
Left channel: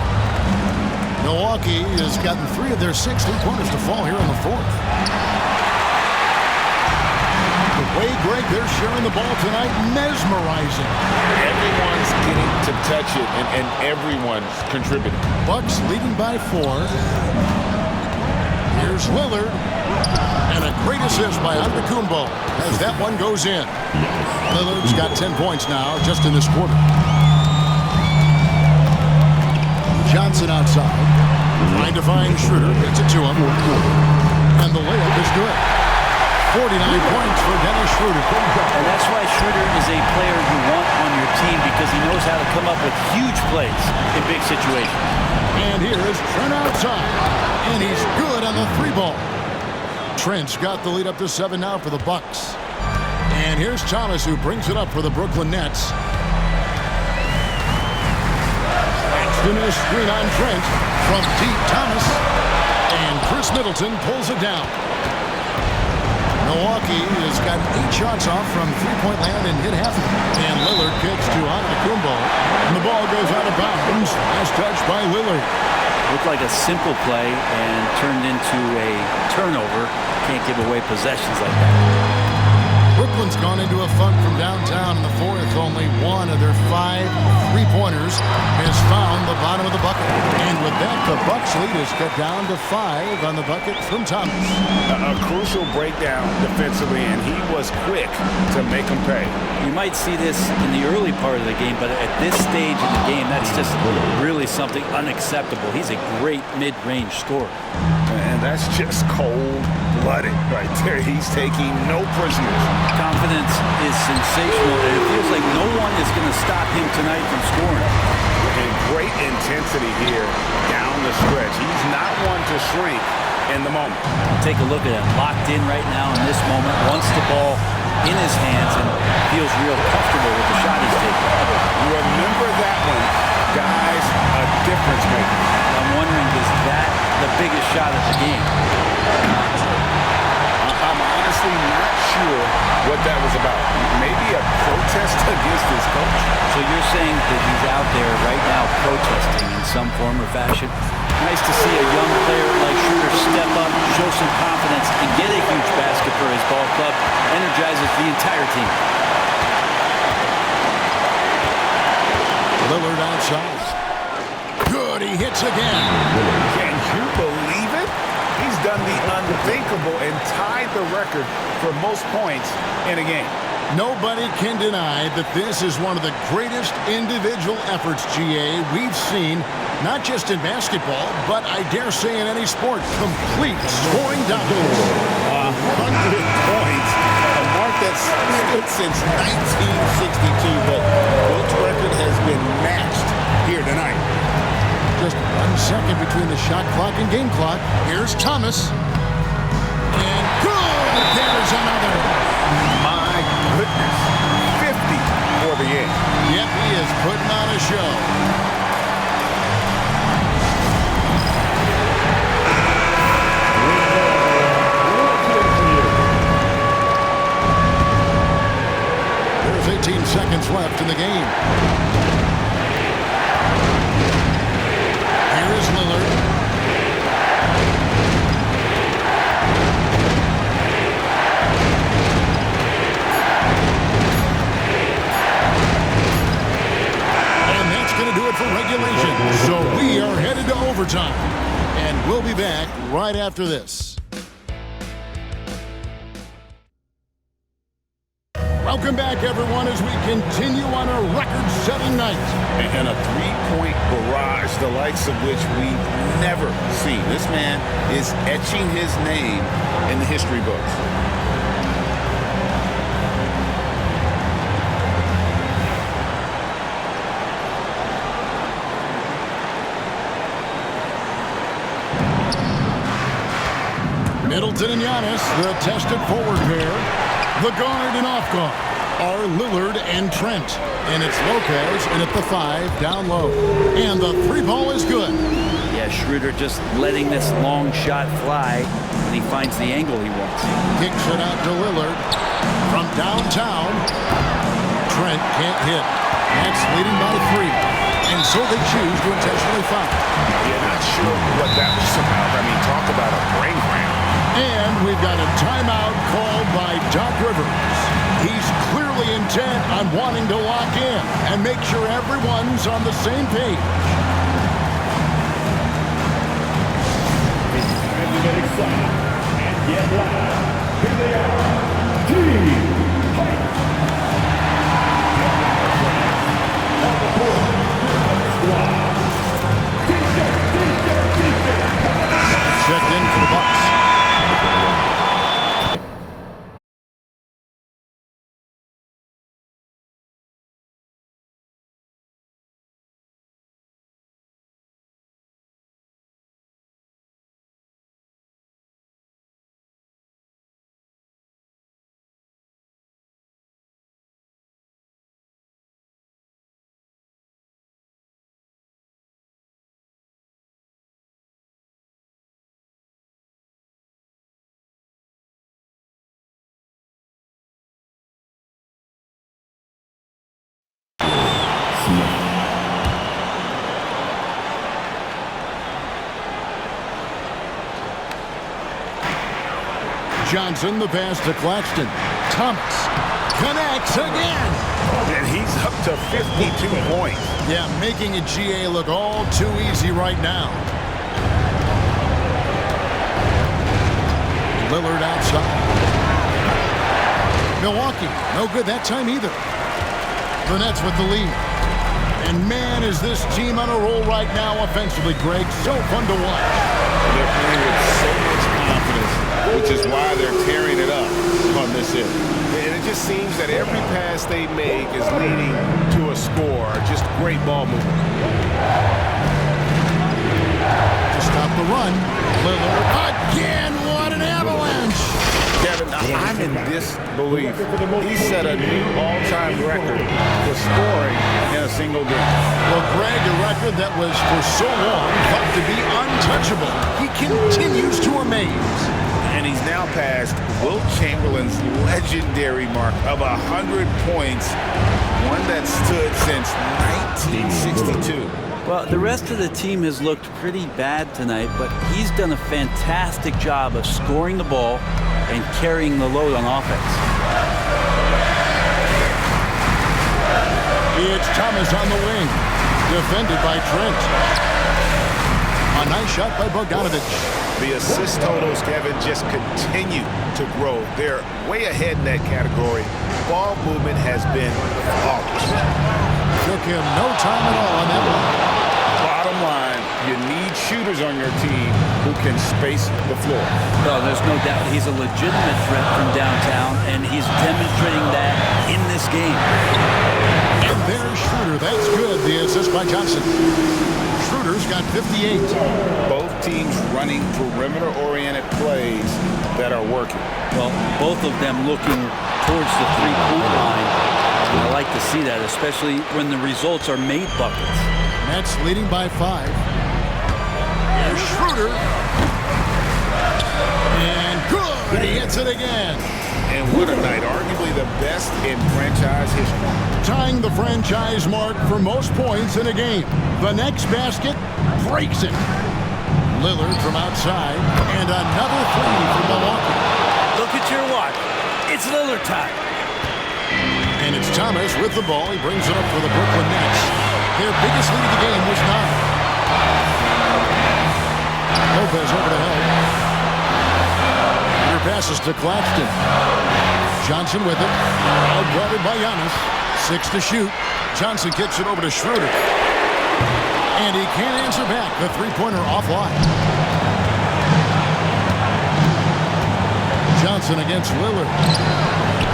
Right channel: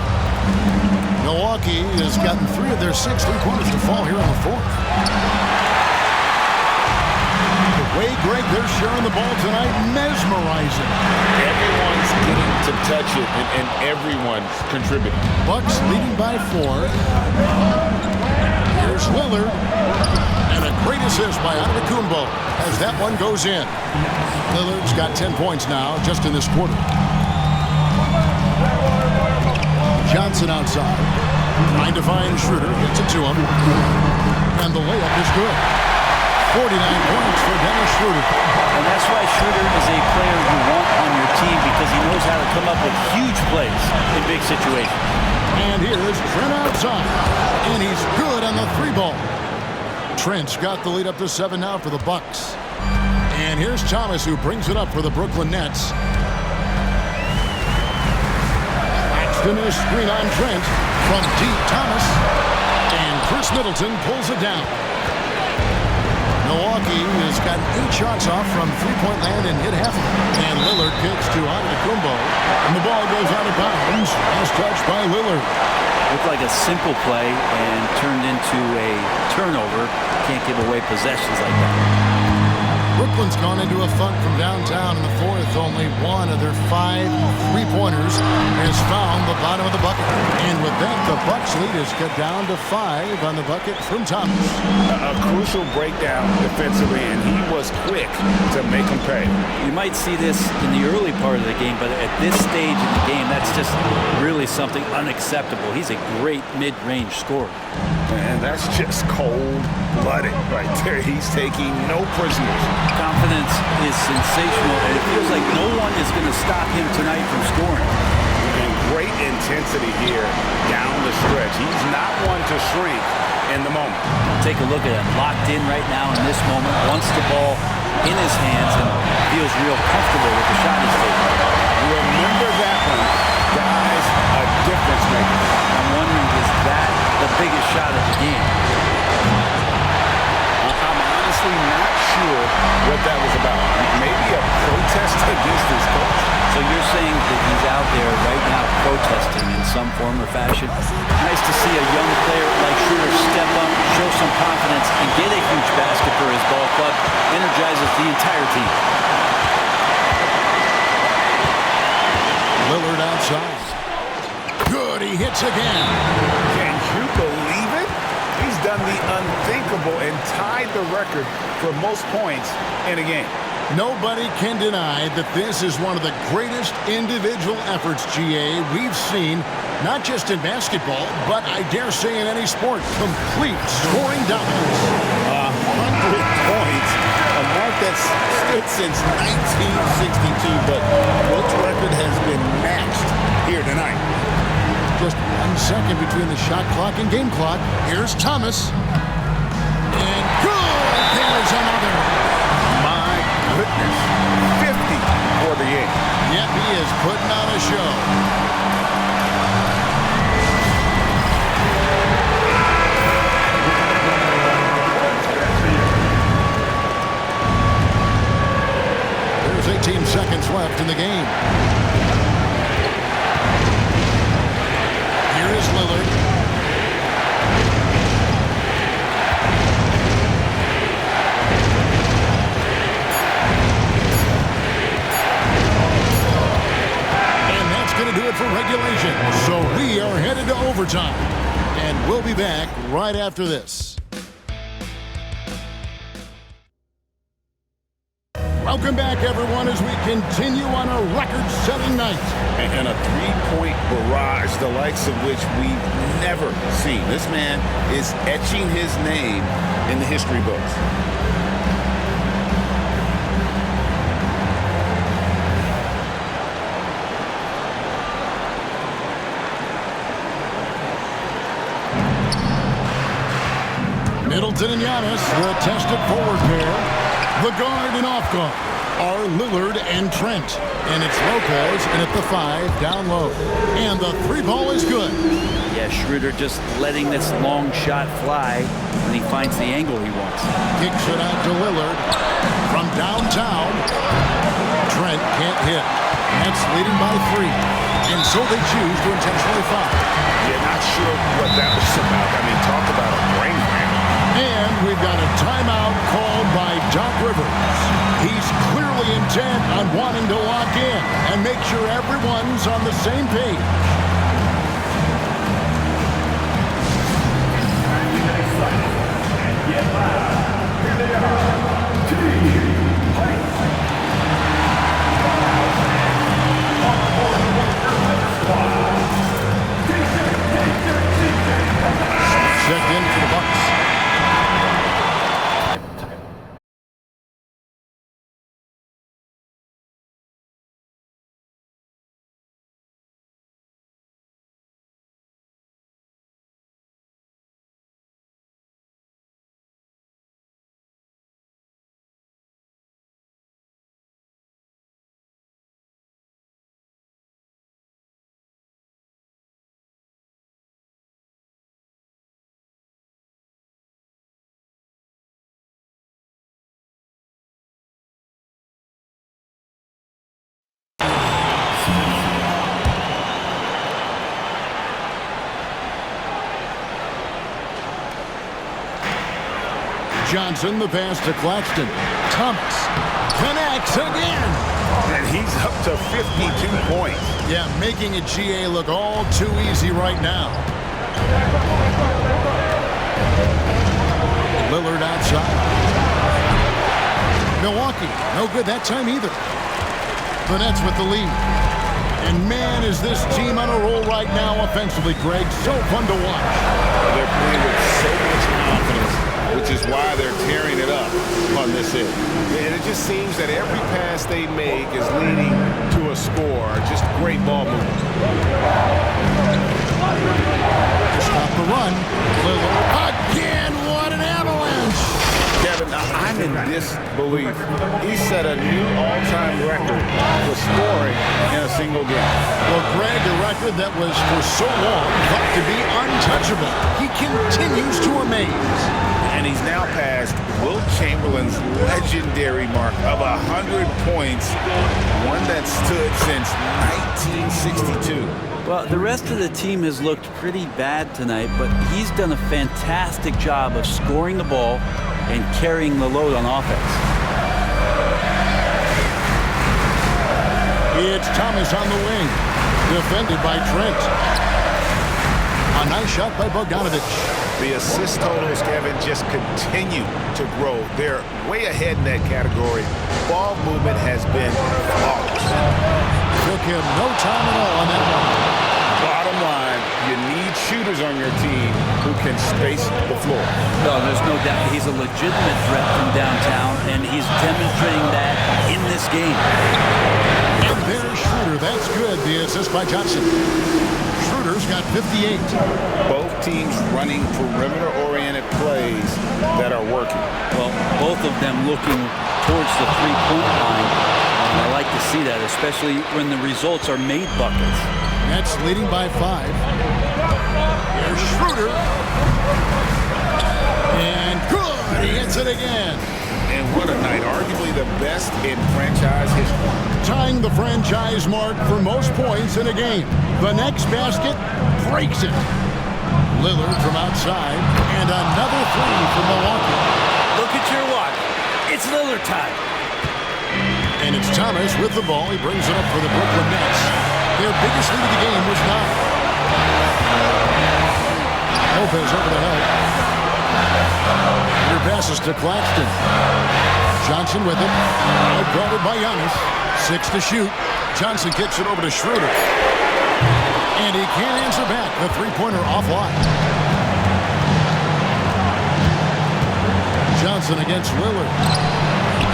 Milwaukee has gotten 3 of their 6 3-pointers to fall here in the 4th. The way, Greg, they're sharing the ball tonight, mesmerizing. Everyone's getting to touch it, and everyone's contributing. Bucks leading by 4. Here's Lillard. And a great assist by Antetokounmpo as that one goes in. Lillard's got 10 points now just in this quarter. Johnson outside. Trying to find Schroeder. Gets it to him. And the layup is good. 49 points for Dennis Schroeder. And that's why Schroeder is a player you want on your team because he knows how to come up with huge plays in big situations. And here is Trent outside. And he's good on the 3-ball. Trent's got the lead up to 7 now for the Bucks. And here's Thomas who brings it up for the Brooklyn Nets. Claxton a screen on Trent from deep Thomas. And Chris Middleton pulls it down. Milwaukee has gotten 8 shots off from 3-point land and hit half of them. And Lillard kicks to Antetokounmpo. And the ball goes out of bounds as touched by Lillard. Looked like a simple play and turned into a turnover. Can't give away possessions like that. Brooklyn's gone into a funk from downtown in the 4th. Only 1 of their 5 3-pointers has found the bottom of the bucket. And with that, the Bucks lead is cut down to 5 on the bucket from Thomas. A crucial breakdown defensively, and he was quick to make them pay. You might see this in the early part of the game, but at this stage in the game, that's just really something unacceptable. He's a great mid-range scorer. And that's just cold-blooded right there. He's taking no prisoners. Confidence is sensational, and it feels like no one is going to stop him tonight from scoring. And great intensity here down the stretch. He's not one to shrink in the moment. Take a look at him, locked in right now in this moment, wants the ball in his hands and feels feels real comfortable with the shot he's taking. Remember that one. Guys, a difference maker. I'm wondering, is that the biggest shot of the game? I'm honestly not sure what that was about. Maybe a protest against his coach. So you're saying that he's out there right now protesting in some form or fashion? Nice to see a young player like Schroeder step up, show some confidence, and get a huge basket for his ball club. Energizes the entire team. Lillard outside. Good, he hits again. Can you believe it? He's done the unthinkable and tied the record for most points in a game. Nobody can deny that this is one of the greatest individual efforts, GA, we've seen, not just in basketball, but I dare say in any sport. Complete scoring doubles. 100 points, a mark that's stood since 1962, but Wilt's record has been matched here tonight. Just 1 second between the shot clock and game clock. Here's Thomas. And good! There's another. My goodness. 50 for the game. Yep, he is putting on a show. There's 18 seconds left in the game. Here is Lillard. And that's going to do it for regulation. So we are headed to overtime. And we'll be back right after this. Welcome back, everyone, as we continue on a record-setting night. And a three-point barrage, the likes of which we've never seen. This man is etching his name in the history books. Middleton and Giannis, the tested forward pair. The guard and off guard are Lillard and Trent. And it's Lopez in at the 5 down low. And the 3 ball is good. Yeah, Schroeder just letting this long shot fly when he finds the angle he wants. Kicks it out to Lillard from downtown. Trent can't hit. That's leading by 3. And so they choose to intentionally foul. Yeah, not sure what that was about. I mean, talk about a brain cramp. And we've got a timeout called by Doc Rivers. He's clearly intent on wanting to lock in and make sure everyone's on the same page. Time to get excited and get loud. Here they are. Team Fight. Squad. Checked in for the Bucks. Johnson, the pass to Claxton. Thomas connects again. And he's up to 52 points. Yeah, making a GA look all too easy right now. Lillard outside. Milwaukee, no good that time either. The Nets with the lead. And man, is this team on a roll right now offensively, Greg. So fun to watch. They're playing with so much confidence, which is why they're tearing it up on this end. And it just seems that every pass they make is leading to a score. Just great ball movement. To stop the run, Lillard again. What an avalanche! Kevin, Kevin, I'm in disbelief. He set a new all-time record for scoring in a single game. Well, Greg, a record that was for so long thought to be untouchable. He continues to amaze. And he's now passed Wilt Chamberlain's legendary mark of 100 points, one that stood since 1962. Well, the rest of the team has looked pretty bad tonight, but he's done a fantastic job of scoring the ball and carrying the load on offense. It's Thomas on the wing, defended by Trent. A nice shot by Bogdanovich. The assist totals, Kevin, just continue to grow. They're way ahead in that category. Ball movement has been flawless. Took him no time at all on that one. Bottom line, you need shooters on your team who can space the floor. No, there's no doubt he's a legitimate threat from downtown, and he's demonstrating that in this game. And there's Schroeder. That's good. The assist by Johnson. Schroeder's got 58. Both teams running perimeter-oriented plays that are working. Well, both of them looking towards the three-point line, and I like to see that, especially when the results are made buckets. Nets leading by 5. Here's Schroeder. And good. He hits it again. And what a night. Arguably the best in franchise history. Tying the franchise mark for most points in a game. The next basket breaks it. Lillard from outside. And another three for Milwaukee. Look at your watch. It's Lillard time. And it's Thomas with the ball. He brings it up for the Brooklyn Nets. Their biggest lead of the game was 9. Lopez over to help. Peter passes to Claxton. Johnson with it. Outguarded by Giannis. 6 to shoot. Johnson kicks it over to Schroeder. And he can't answer back. The three-pointer offline. Johnson against Lillard.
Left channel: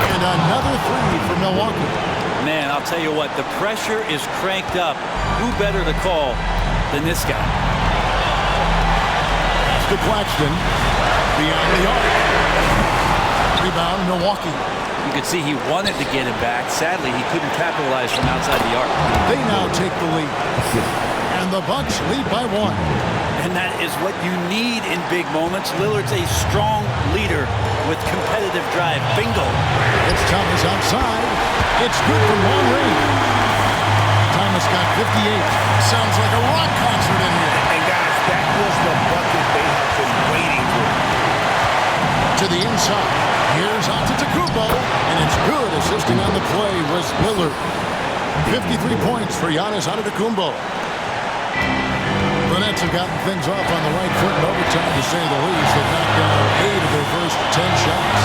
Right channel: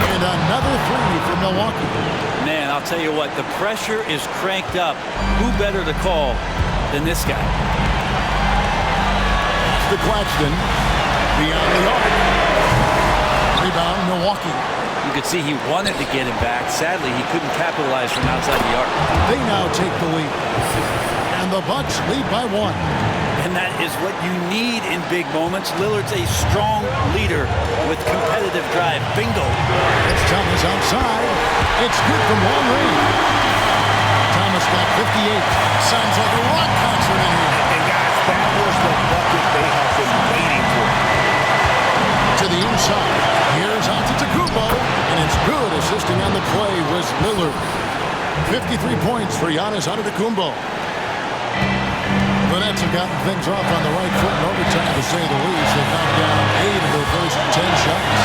And another three for Milwaukee. Man, I'll tell you what, the pressure is cranked up. Who better to call than this guy? Pass to Claxton. Beyond the arc. Rebound, Milwaukee. You could see he wanted to get him back. Sadly, he couldn't capitalize from outside the arc. They now take the lead. And the Bucks lead by 1. And that is what you need in big moments. Lillard's a strong leader with competitive drive. Bingo. It's Thomas outside. It's good from long range. Thomas got 58. Sounds like a rock concert in here. And guys, that was the bucket they have been waiting for. To the inside. Here's Antetokounmpo. And it's good. Assisting on the play was Lillard. 53 points for Giannis Antetokounmpo. The Nets have gotten things off on the right foot in overtime, to say the least. They've knocked down 8 of their first 10 shots.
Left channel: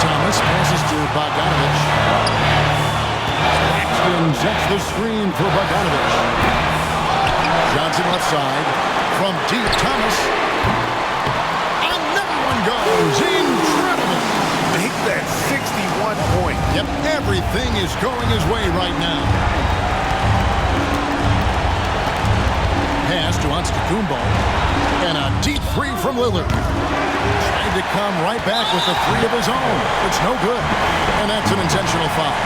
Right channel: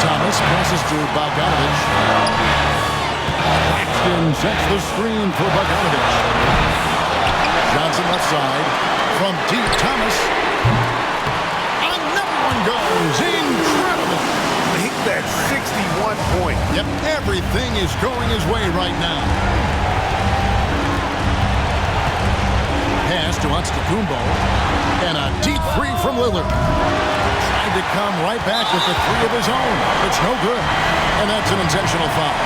Thomas passes to Bogdanovich. Claxton sets the screen for Bogdanovich. Johnson left side. From deep, Thomas. Another one goes. Incredible. Make that 61 point. Yep, everything is going his way right now. Pass to Antetokounmpo. And a deep three from Lillard. Trying to come right back with the three of his own. It's no good. And that's an intentional foul.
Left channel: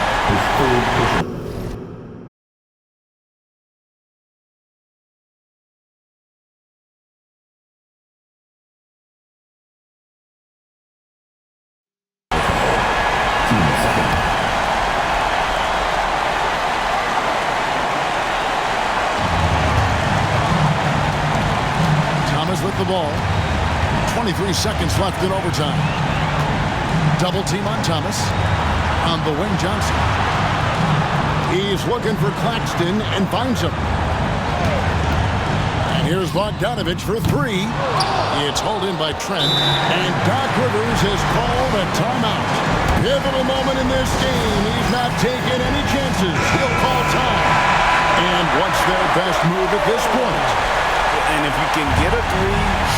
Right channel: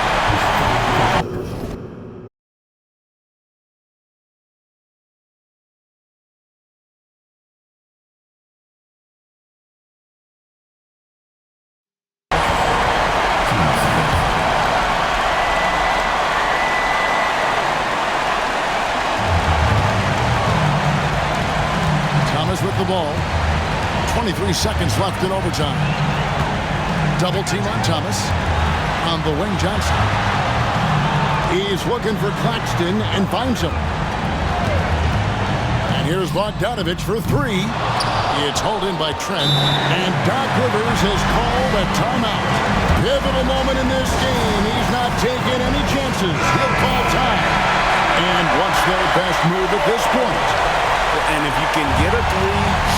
Thomas with the ball. 23 seconds left in overtime. Double team on Thomas. On the wing, Johnson. He's looking for Claxton and finds him. And here's Bogdanovich for 3. It's hauled in by Trent. And Doc Rivers has called a timeout. Pivotal moment in this game. He's not taking any chances. He'll call time. And wants their best move at this point. And if you can get a 3,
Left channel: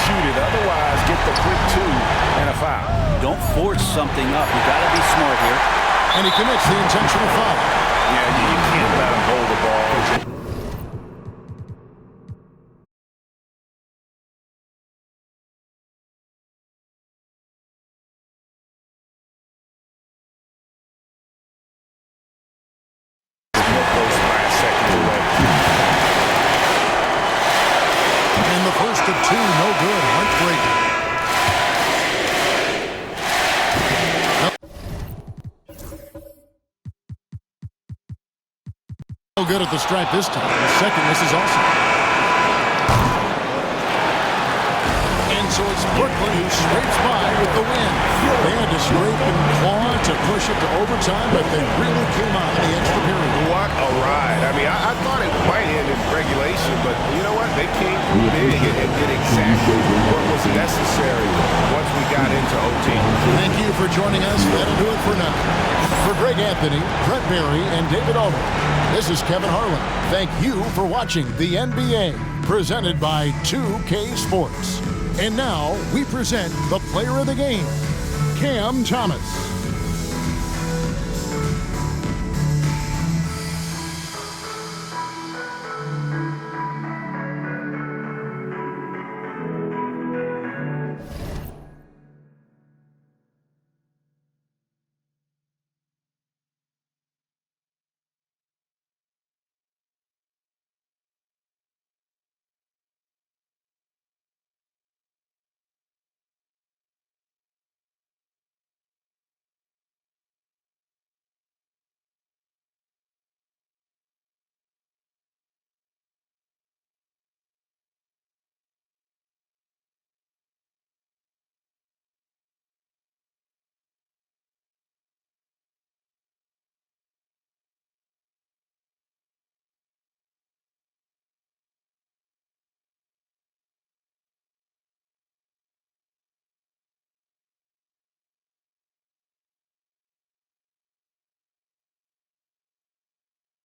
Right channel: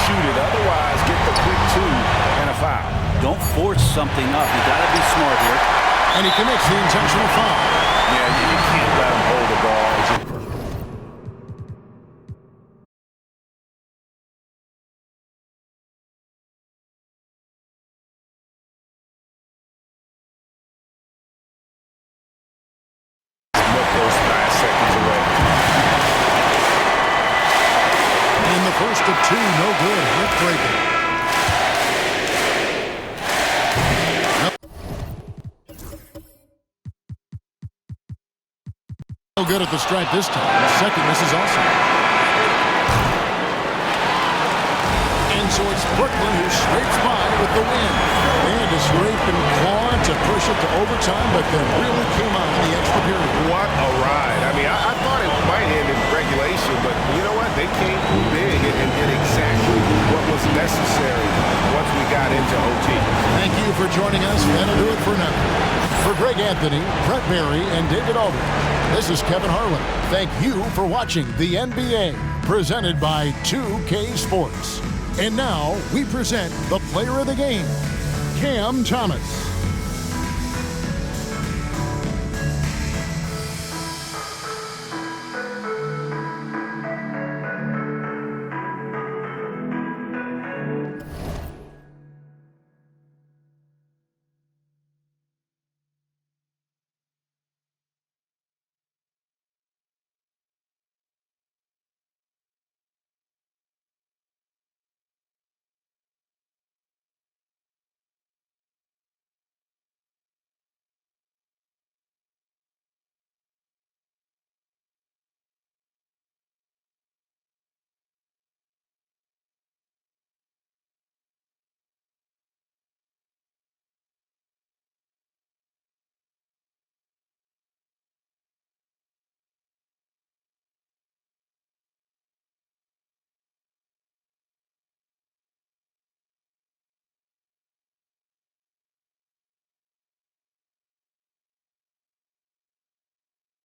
shoot it. Otherwise, get the quick 2 and a foul. Don't force something up. You got to be smart here. And he commits the intentional foul. Yeah, you can't let him hold the ball. the first of two. No good. Heartbreaking. No good at the stripe this time. The second misses also. And so it's Brooklyn who scrapes by with the win. They had to scrape and claw to push it to overtime, but then really came on in the extra period. What a ride. I mean, I thought it might end in regulation, but you know what? They came through big and did exactly what was necessary once we got into OT. Thank you for joining us. That'll do it for now. For Greg Anthony, Brett Barry, and David Aldridge, this is Kevin Harlan. Thank you for watching the NBA, presented by 2K Sports. And now we present the player of the game, Cam Thomas.